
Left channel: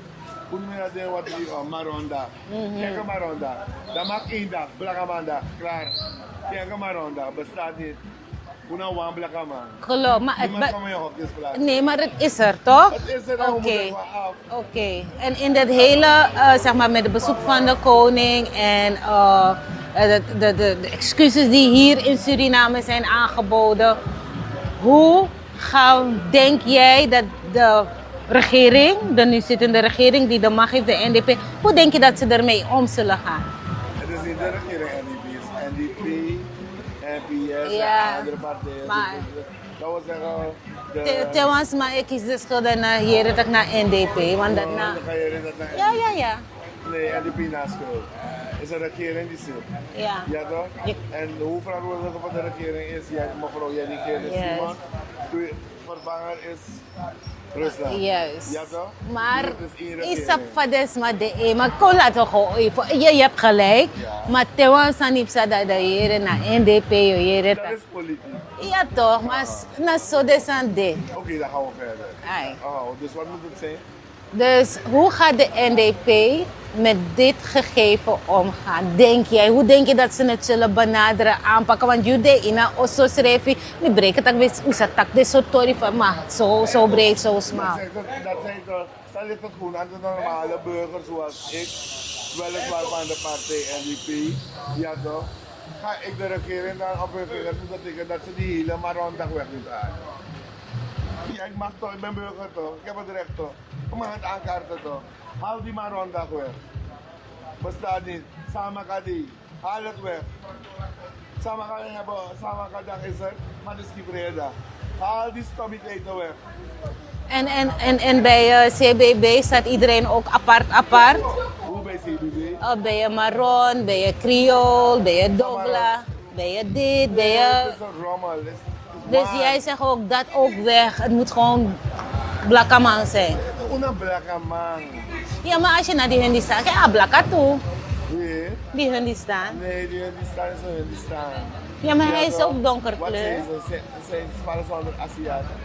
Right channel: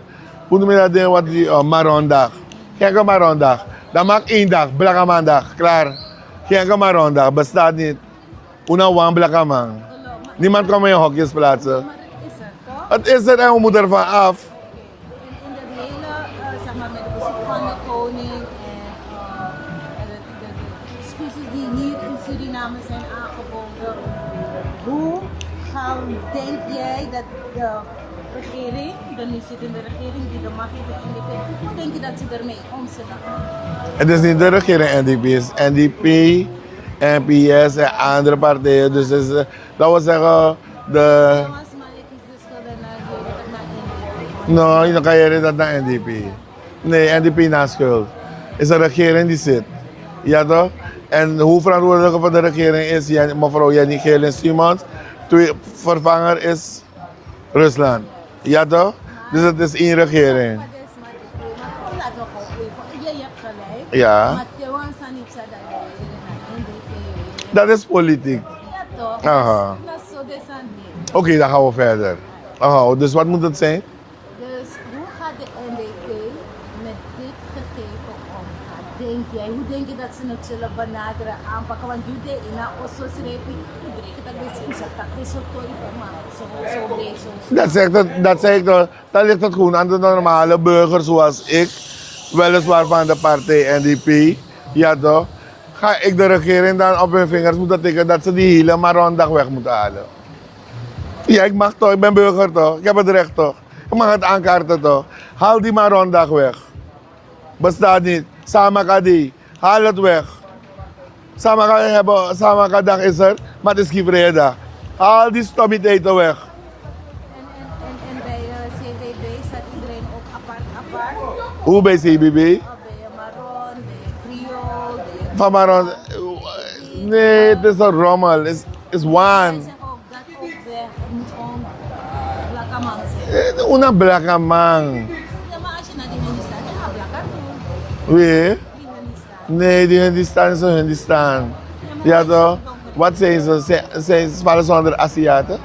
Hoe noem je dat ding wat die Marondag? Kijk een Marondag. Dat maakt 1 dag, Blakamandag, klaar. Kijk een Marondag, bestaat niet. Una wan Blakaman. Geloof, maar, Niemand kan meer in hokjes plaatsen. Nee, maar het is er toch? Het is er en we moeten ervan af. Oké. En in dat hele, zeg maar met het bezoek van de koning en de excuses die hier in Suriname zijn aangeboden. Hoe denk jij dat de regering, de nu zittende regering die de macht heeft, de NDP, hoe denk je dat ze ermee om zullen gaan? Het is niet de regering NDP, het is NDP, NPS en andere partijen. Dus is, laten we zeggen, Tewans, maar ik kies de schuld naar hier dat ik naar NDP. Want nou, dan kan je dat naar NDP. Ja. Nee, NDP na schuld. Het is een regering die zit. Ja. Ja toch? En hoe verantwoordelijk voor de regering is mevrouw Jenny Geelens-Siemens. Vervanger is Rusland. Juist. Ja toch? Maar dus het is één regering. Maar kon laten we gewoon even. Je hebt gelijk. Ja. Maar Tewans aan niet dat de heren naar NDP. Dat is politiek. Ja toch? Aha. Maar zo des aan dit. Oké, dan gaan we verder. Ai. Oh, dus wat moet het zijn? Dus hoe gaat de NDP met dit gegeven omgaan? Denk jij? Hoe denk je dat ze het zullen benaderen, aanpakken? Want jullie in een osso schrijf je breken dat wist hoe ze tak dit soort tori van maar zo breed, zo snel. Dat zeg ik toch. Dan ligt het gewoon aan de normale burger zoals ik, weliswaar van de partij NDP. Ja toch? Ga ik de regering dan op hun vingers moeten tikken dat ze die hele Marondag weg moeten halen? Ja, ik mag toch, ik ben burger toch, ik heb het recht toch. Ik mag het aankaarten toch. Haal die Marondag weg. Bestaat niet. Samakadi, haal het weg. Samakadag is er, maar het is geen vrije dag. Haal die stommiteiten weg. En bij CBB staat iedereen ook apart? Hoe bij CBB? Ben je Maron, ben je Creole, ben je Van Maron. Doula, ben je dit? Nee, het is een rommel. Het is Dus one. jij zegt ook dat ook weg. Het moet gewoon Blakaman zijn. Una blaka man. Ja, maar als je naar die Hindistan kijkt, ja, Blaka toe. Wie? Die Hindistan. Nee, die Hindistan is een Hindistan. Ja, maar hij is toch? ook donker. Wat zijn ze? Ze vallen ze onder Aziaten?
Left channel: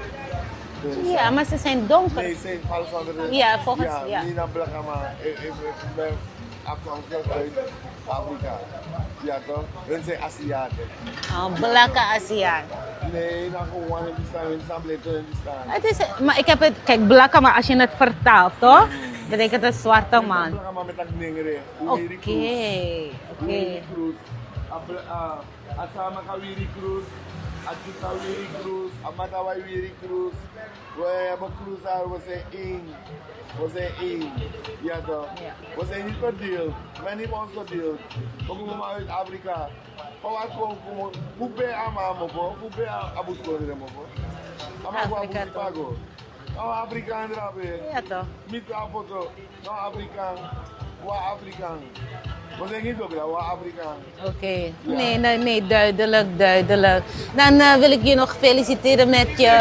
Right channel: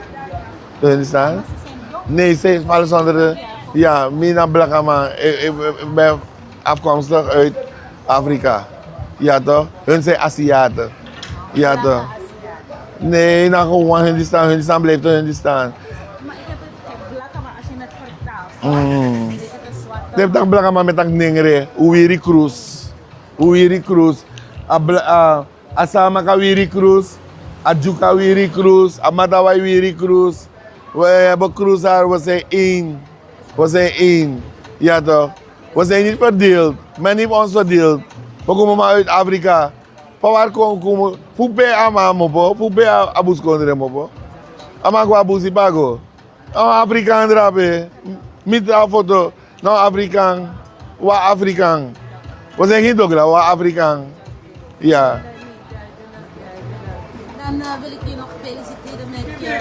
De Hindistan? Ja, maar ze zijn donker. Nee, ze vallen ze onder de... Ja, volgens ja, ja. Mina Blakama. Ik ben afkomstig uit Afrika. Ja toch? Hun zijn Aziaten. Ja, Blaka toch. Aziat. Nee, nou gewoon Hindistan. Hindistan blijft een Hindistan. Het is, maar ik heb het, kijk, Blaka, maar als je het vertaalt, toch? Ik denk het is zwarte Je hebt een man. Blakama met een ningere. Uwiri Cruz. Hey. Uwiri Cruz. Asama ka Wiri Cruz. Adjuka Wiri Cruz, Amatawai Wiri Cruz. We hebben cruiser, we zijn één. We zijn één. Ja toch? We zijn niet verdeeld. Men heeft ons verdeeld. We komen maar uit Afrika. Van waar komen we? Fupe amamo po, fupe abus kondre mo po. Amagwa abusi bago. Afrikaan drape. Ja toch? Met een foto. Nou Afrikaan. Wa Afrikaan. We zijn geen Dogla, wa Afrikaan. Oké. Ja. Nee, duidelijk, duidelijk. Dan wil ik je nog feliciteren met je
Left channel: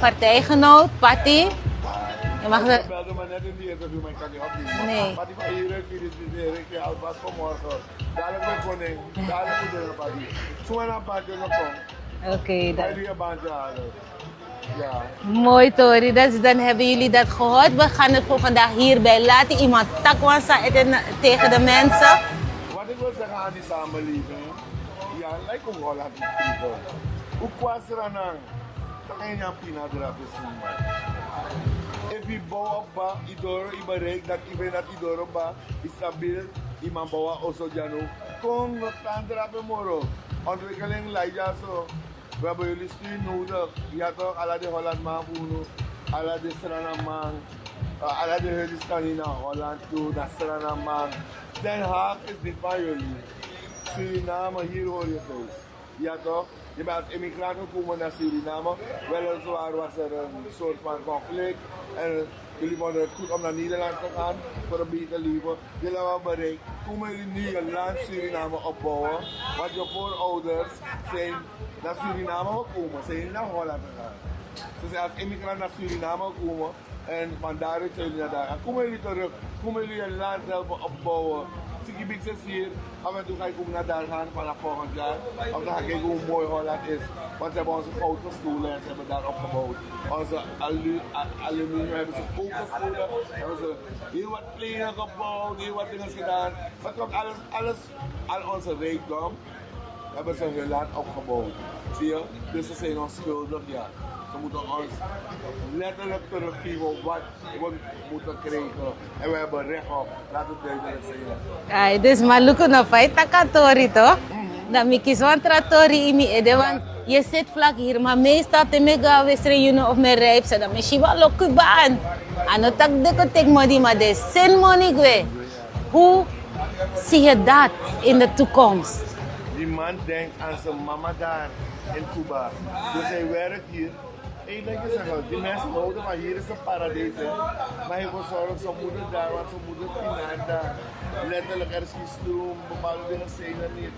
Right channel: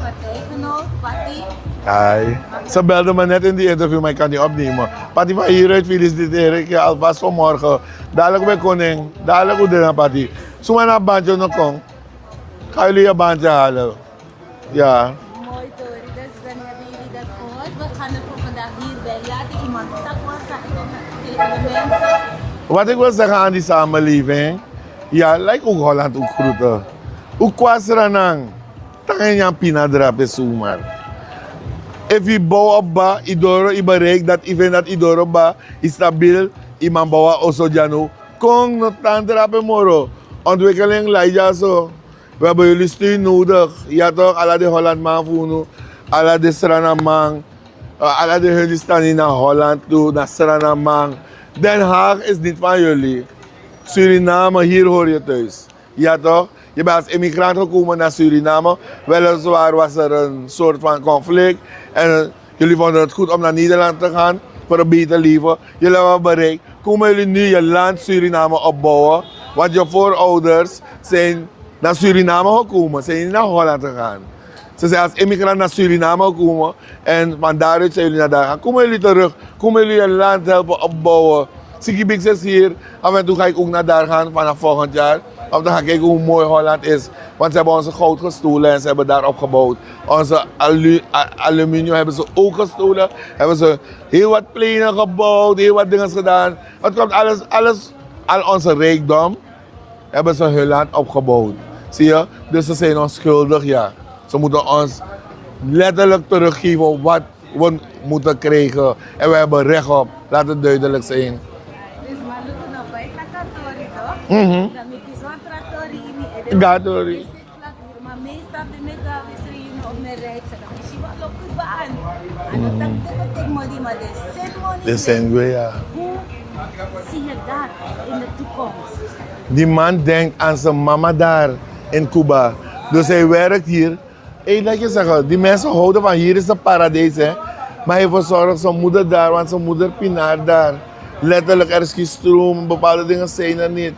partijgenoot, Patty. Ai. Mag dat? Ze belde me net in die interview, maar ik kan niet opnemen. Nee. Patty van hieruit feliciteren ik je alvast vanmorgen. Dadelijk bij koning, dadelijk hoe dit Patty. Zomaar naar bandje nog kom. Oké. Ga jullie je bandje halen. Ja. Mooi Tori, dus dan hebben jullie dat gehoord. We gaan het voor vandaag hierbij laten. Iemand takwansa tegen de mensen. Wat ik wil zeggen aan die samenleving, ja, lijkt ook Holland ook groeten. Ook kwasranang, tangen jan pina drape zomaar. If je bouwt op ba, idoro i bereik dat even dat idoro ba is stabiel, iman bouwa oso jano. Kong no tan drape moro. Ontwikkeling lijja zo. We hebben jullie steun nodig. Ja toch, alla de Holland man voelen, alla de Srana man, alla de jullie staan in naar Holland toe, naar Srana man. Den Haag is niet van jullie. Suriname, hier hoor je thuis. Ja toch? Je bent als immigrant gekomen naar Suriname. Weliswaar was er een soort van conflict. En jullie vonden het goed om naar Nederland te gaan voor een beter leven. Jullie hebben bereikt. Komen jullie nu je land Suriname opbouwen? Want je voorouders zijn naar Suriname gekomen, zijn niet naar Holland gegaan. Ze zijn als immigrant naar Suriname gekomen en van daaruit zijn jullie naar daar gaan. Komen jullie terug, komen jullie je land helpen opbouwen. Sikibix is hier, af en toe ga ik ook naar daar gaan vanaf volgend jaar. Om te gaan kijken hoe mooi Holland is. Want ze hebben onze goud gestolen en ze hebben daar opgebouwd. Onze aluminium hebben ze ook gestolen. Hebben ze heel wat pleinen gebouwd, heel wat dingen gedaan. Het komt al onze rijkdom, hebben ze hun land opgebouwd. Zie je? Dus ze zijn ons schuldig, ja. Ze moeten ons letterlijk teruggeven wat we moeten krijgen. En we hebben recht op. Laat het duidelijk zijn. Ay, dus maluko na fay takatori toch? Dan mi kiswan tratori imi ede. Datori. Je zit vlak hier, maar meestal te mega westre juno of me rijp dan me shiba lokubaan. Ano tak de ko tek modi maar de sen money Dat zijn we, ja. Hoe zie je dat in de toekomst? Die man denkt aan zijn mama daar in Cuba. Dus hij werkt hier. Hey, laat je zeggen, die mensen houden van hier is een paradijs, hè. Maar hij verzorgt zijn moeder daar, want zijn moeder pinaart daar. Letterlijk, er is geen stroom, bepaalde dingen zijn er niet.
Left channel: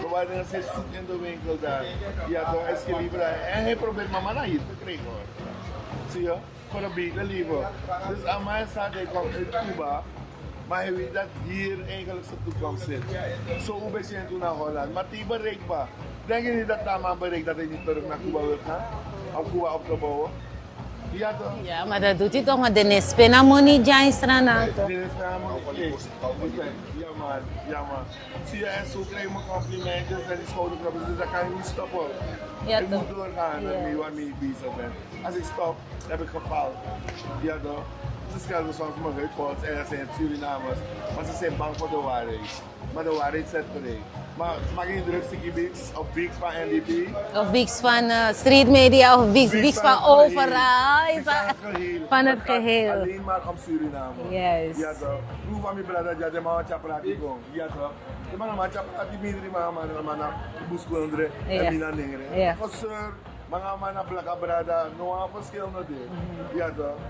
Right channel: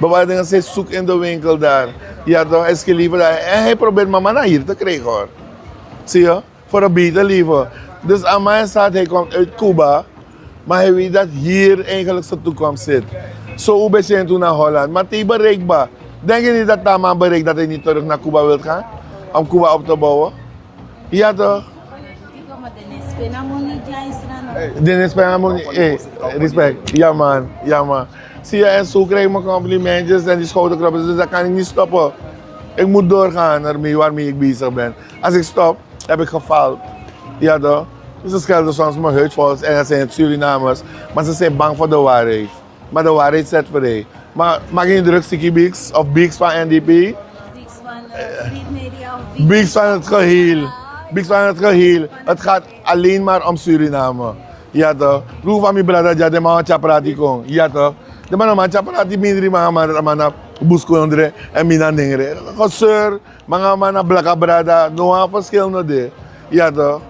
Bepaalde dingen zijn zoek in de winkel daar. Ja toch, hij is gelieven daar. En hij probeert mama naar hier te krijgen hoor. Zie je? Voor een beter leven. Dus aan mij staat, hij komt uit Cuba. Maar hij weet dat hier eigenlijk zijn toekomst zit. Zo ben je toen naar Holland. Maar het is bereikbaar. Denk je niet dat Taman bereikt dat hij niet terug naar Cuba wil gaan? Om Cuba op te bouwen? Ja toch? Ja, maar dat doet hij toch, maar de nespena money jai strana. Dennis Pengamon, hey, respect. Ja man, ja man. Zie je, en zo krijg ik mijn complimentjes en die schouderklappen, dus dat kan ik niet stoppen. Ja, Ik moet doorgaan ermee waarmee ik bezig ben. Als ik stop, heb ik gefaald. Ja toch? Dus ze schelden soms mijn huidvolks en dat zijn het Surinamers. Maar ze zijn bang voor de waarheid. Maar de waarheid zet vrij. Maar maak je druk, Sticky Bix of Bix van NDP? Of Bix van street media of Bix, Bix van het geheel. overal. Bix van het geheel. Van Het gaat geheel. alleen maar om Suriname. Yes. Ja toch? Roe van mijn brada, ja, de man chaprati kon. Ja toch? De man chaprati mindri man buskondre en mina dingre. Yes. Goseur, man blaka brada, no verschil no de. Ja toch?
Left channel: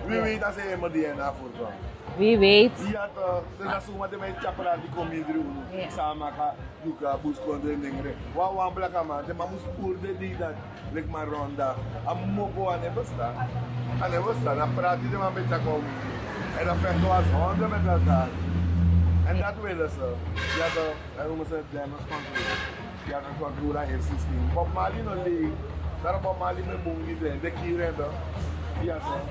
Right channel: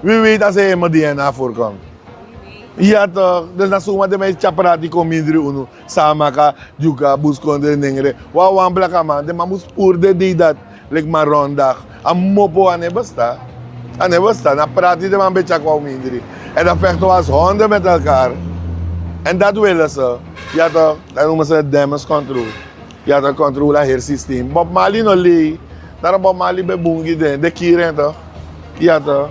Wie weet als hij in mijn DNA voorkomt. Wie weet. Ja toch, dus na zomaar de mij chaprati kom mindri uno. Samaka, juga, buskondre dingre. Wan blaka man, de man moest poerde die dat. Lik maar rondag. Am mopo aan besta. Aan besta. Dan praat hij de man een beetje kwam mindri. En dan vechten we als honden met elkaar. En dat willen ze. Ja toch, dat noemen ze het damage control. Ja toch, controle het systeem. Bob Marley no lee. Daar Bob Marley bij Bungie de kieren toch. Ja toch.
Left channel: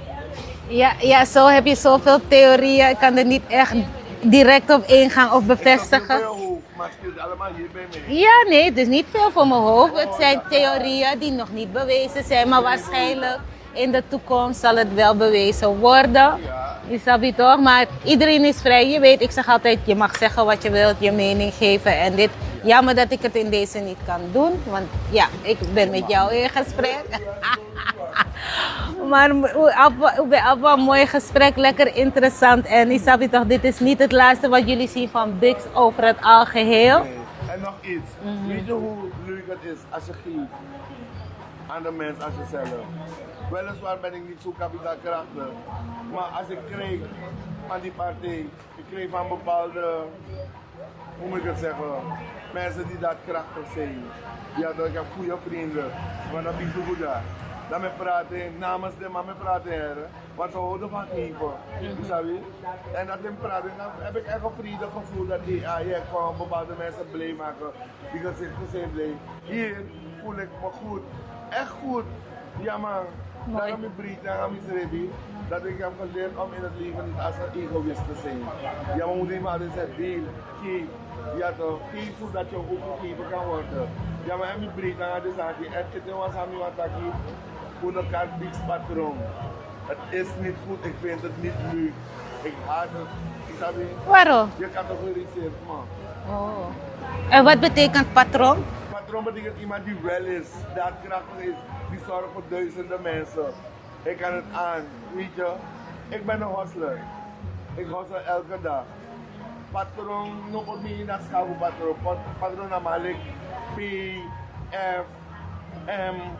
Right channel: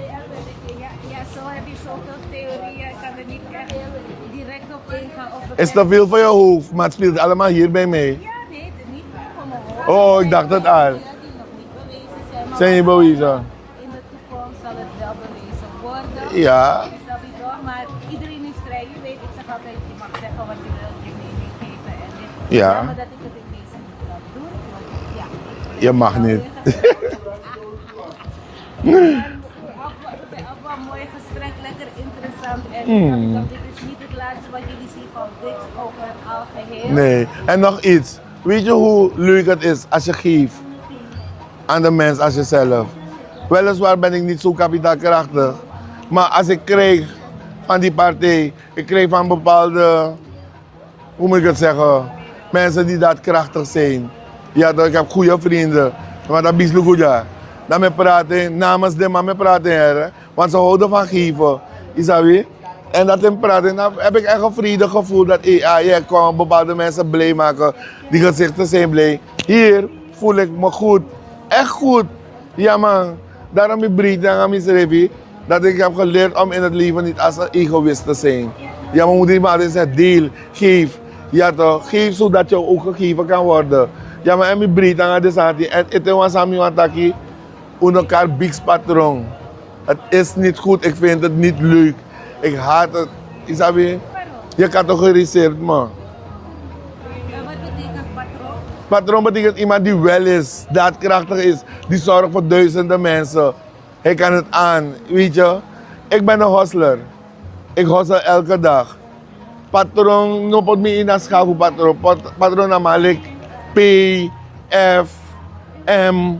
Ja, zo heb je zoveel theorieën. Ik kan er niet echt direct op ingaan of Is bevestigen. te veel voor je hoofd, maar het speelt allemaal hier bij mij. Ja, nee, het is niet veel voor mijn hoofd. Oh, het ik zijn dacht het al. theorieën die nog niet bewezen zijn. Maar Zijn niet waarschijnlijk, bewezen? in de toekomst zal het wel bewezen worden. Ja. Je snap je toch? Maar iedereen is vrij. Je weet, ik zeg altijd, je mag zeggen wat je wilt, je mening geven en dit. Ja. Jammer dat ik het in deze niet kan doen, want ja, ik ben Je met mag jou niet. in gesprek. Maar een mooi gesprek, lekker interessant. En je snap je toch, dit is niet het laatste wat jullie zien van Bix over het algeheel. Nee, en nog iets. Weet je hoe leuk het is als je geeft aan de mens als jezelf? Weliswaar ben ik niet zo kapitaalkrachtig, maar als ik krijg van die partij, ik krijg van bepaalde, hoe moet ik het zeggen, mensen die daadkrachtig zijn. Ja, ik heb goede vrienden, maar dat is goed ja. Dan me praten, namens de man me praten, hè, want ze houden van geven, is dat weer? En dat in praten, dan heb ik echt een vredig gevoel dat je kan bepaalde mensen blij maken, die gezichten zijn blij. Hier voel ik me goed, echt goed. Ja man, daarom ik breed en aan mijn dat ik heb geleerd om in het leven niet als een egoïst te zijn. Ja, mijn moeder maar zegt deel, geef. Ja toch, geef zodat je ook gegeven kan worden. Ja, maar ik breed aan de zaken en het was aan mij taki, elkaar big patroon. Het is niet goed, ik vind het niet leuk. Ik haat het. Is dat weer? Waarom? Je categoriseert me. Oh. En wat betekent patroon? Patroon betekent iemand die wel is, daadkrachtig is, die zorgt voor duizenden mensen. Hij kan het aan, weet je. Ik ben een hustler. Ik hustle elke dag. Patroon, no pot me in een schakel patroon. Patroon namelijk P, F, M.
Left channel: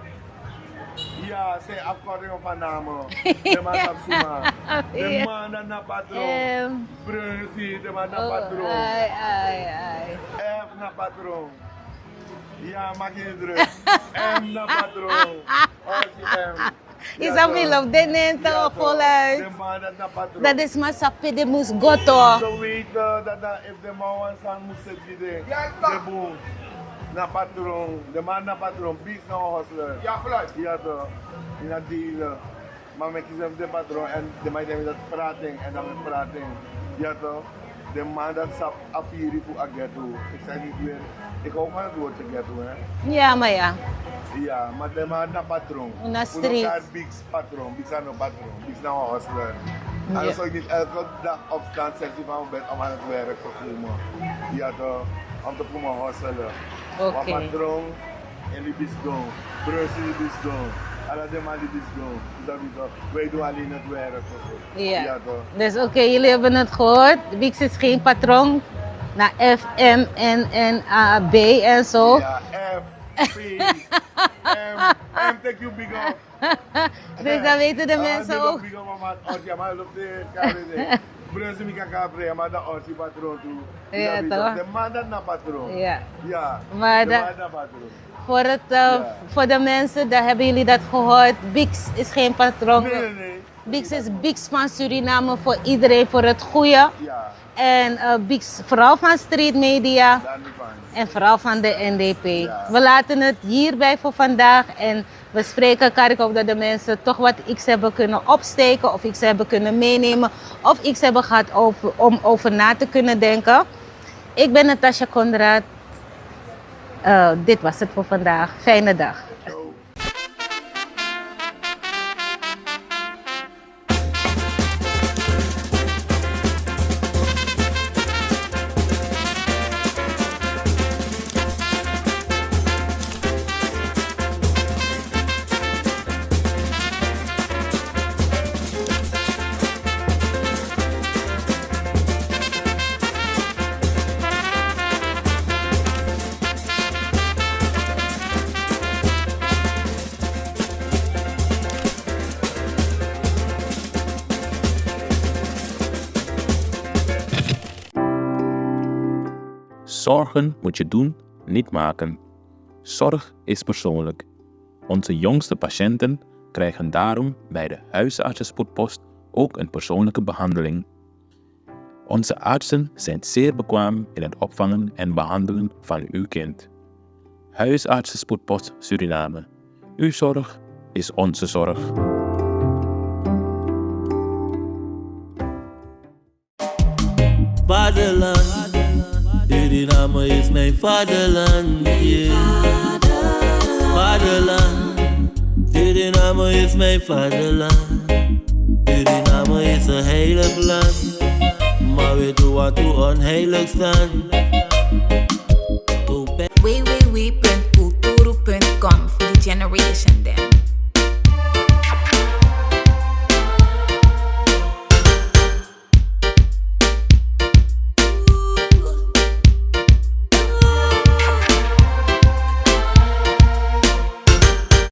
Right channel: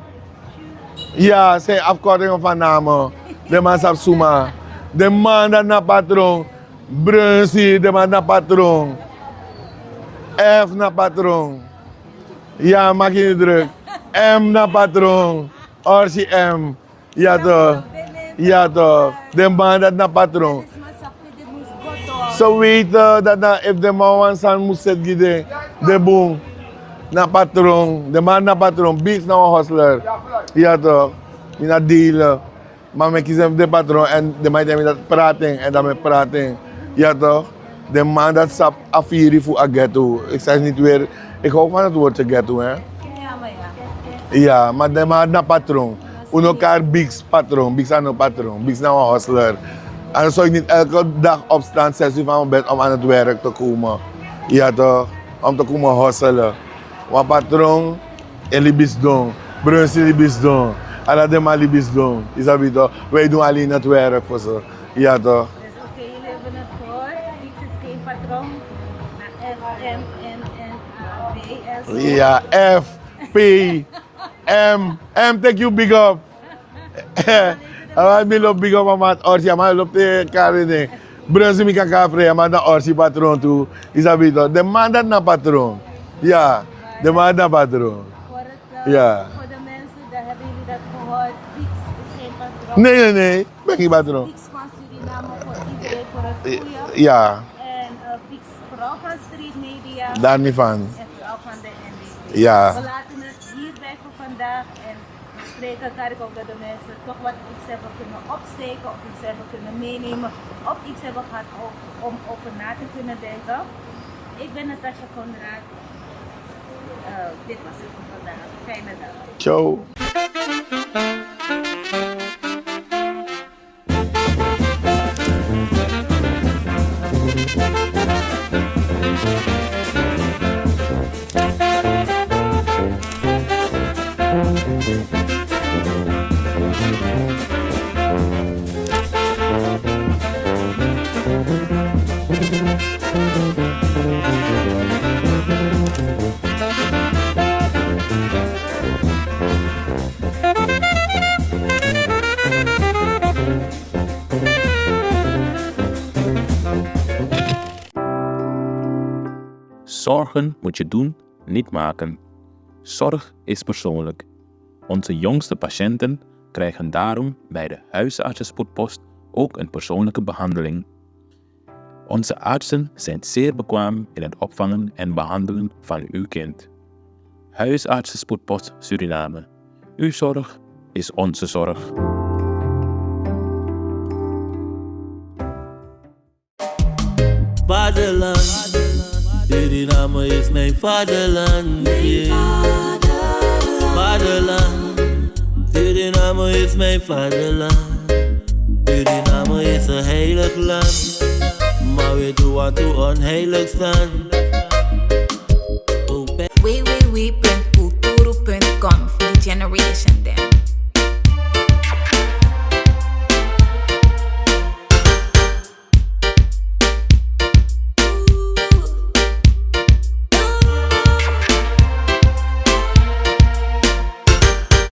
Ja, zijn afkortingen van namen. De man sap suma. De man dat na patroon. Brunsie, de man na patroon. F na patroon. Ja, maak je niet druk. M na patroon. Orsi M. Ja toch. Ja toch. De man dat na patroon. Dat is maar sapi de moes goto. Zo weten dat na if de man wan san moest zetten de boom. Na patroon. De man na patroon. Beats na een hustler. Ja toch. In dat dealen. Maar ik kies hem de patroon en de man die dat praten en dan met praten. Ja toch. De man dat sap afiri voor a ghetto. Ik zeg niet weer. Ik hou van het woordje ghetto hè. Ja, maar ja. Ja, maar de man na patroon. Una Uno street. elkaar bigs patroon. Bigs aan een patroon. Bigs naar een hustler. En dan zou ik niet elke dag opstaan 6 uur van mijn bed om aan het werk te komen. Ja toch. Om te komen hustelen. Want patroon en libis doen. Brunsie libis doen. En dat de man libis doen. Is dat toch? Wij doen alleen het werk voor ze. Ja toch. Dus oké, jullie hebben het gehoord. Bix is geen patroon. Naar F, M, N, A, B en zo. Ja, F, P, M. M, take you big up. Dus dan weten de mensen Ik loop ook. big up aan het Orsi, maar ik loop de kaart. Brunsie, ik kan vrij, maar naar Orsi patroon toe. Is dat Ja, toch? toch? De man dat naar patroon. Ja. Ja, Maar de dat- man naar patroon. Ja. Voor de mensen, daar hebben jullie dat gehoord. Bix is geen patroon. Nee, ben Bix geen is patroon. Bix van Suriname voor iedereen, voor het goede. Ja, En Bix vooral van street media. daar niet van. En vooral van de NDP. Ja. We laten het hierbij voor vandaag en we spreken elkaar. Ik hoop dat de mensen toch wat iets hebben kunnen opsteken of iets hebben kunnen meenemen of iets hebben gehad om over na te kunnen denken. Ik ben Natasha Conrad. Dit was het voor vandaag. Fijne dag. Ciao. Zorgen moet je doen, niet maken. Zorg is persoonlijk. Onze jongste patiënten krijgen daarom bij de huisartsenspoedpost ook een persoonlijke behandeling. Onze artsen zijn zeer bekwaam in het opvangen en behandelen van uw kind. Huisartsenspoedpost Suriname. Uw zorg is onze zorg. Vaderland, Suriname is mijn vaderland, yeah. Vaderland, Suriname is mijn vaderland. Suriname is een heilig land. Maar we doen wat toe onheilig staan. www.kulturu.com voor de generation them.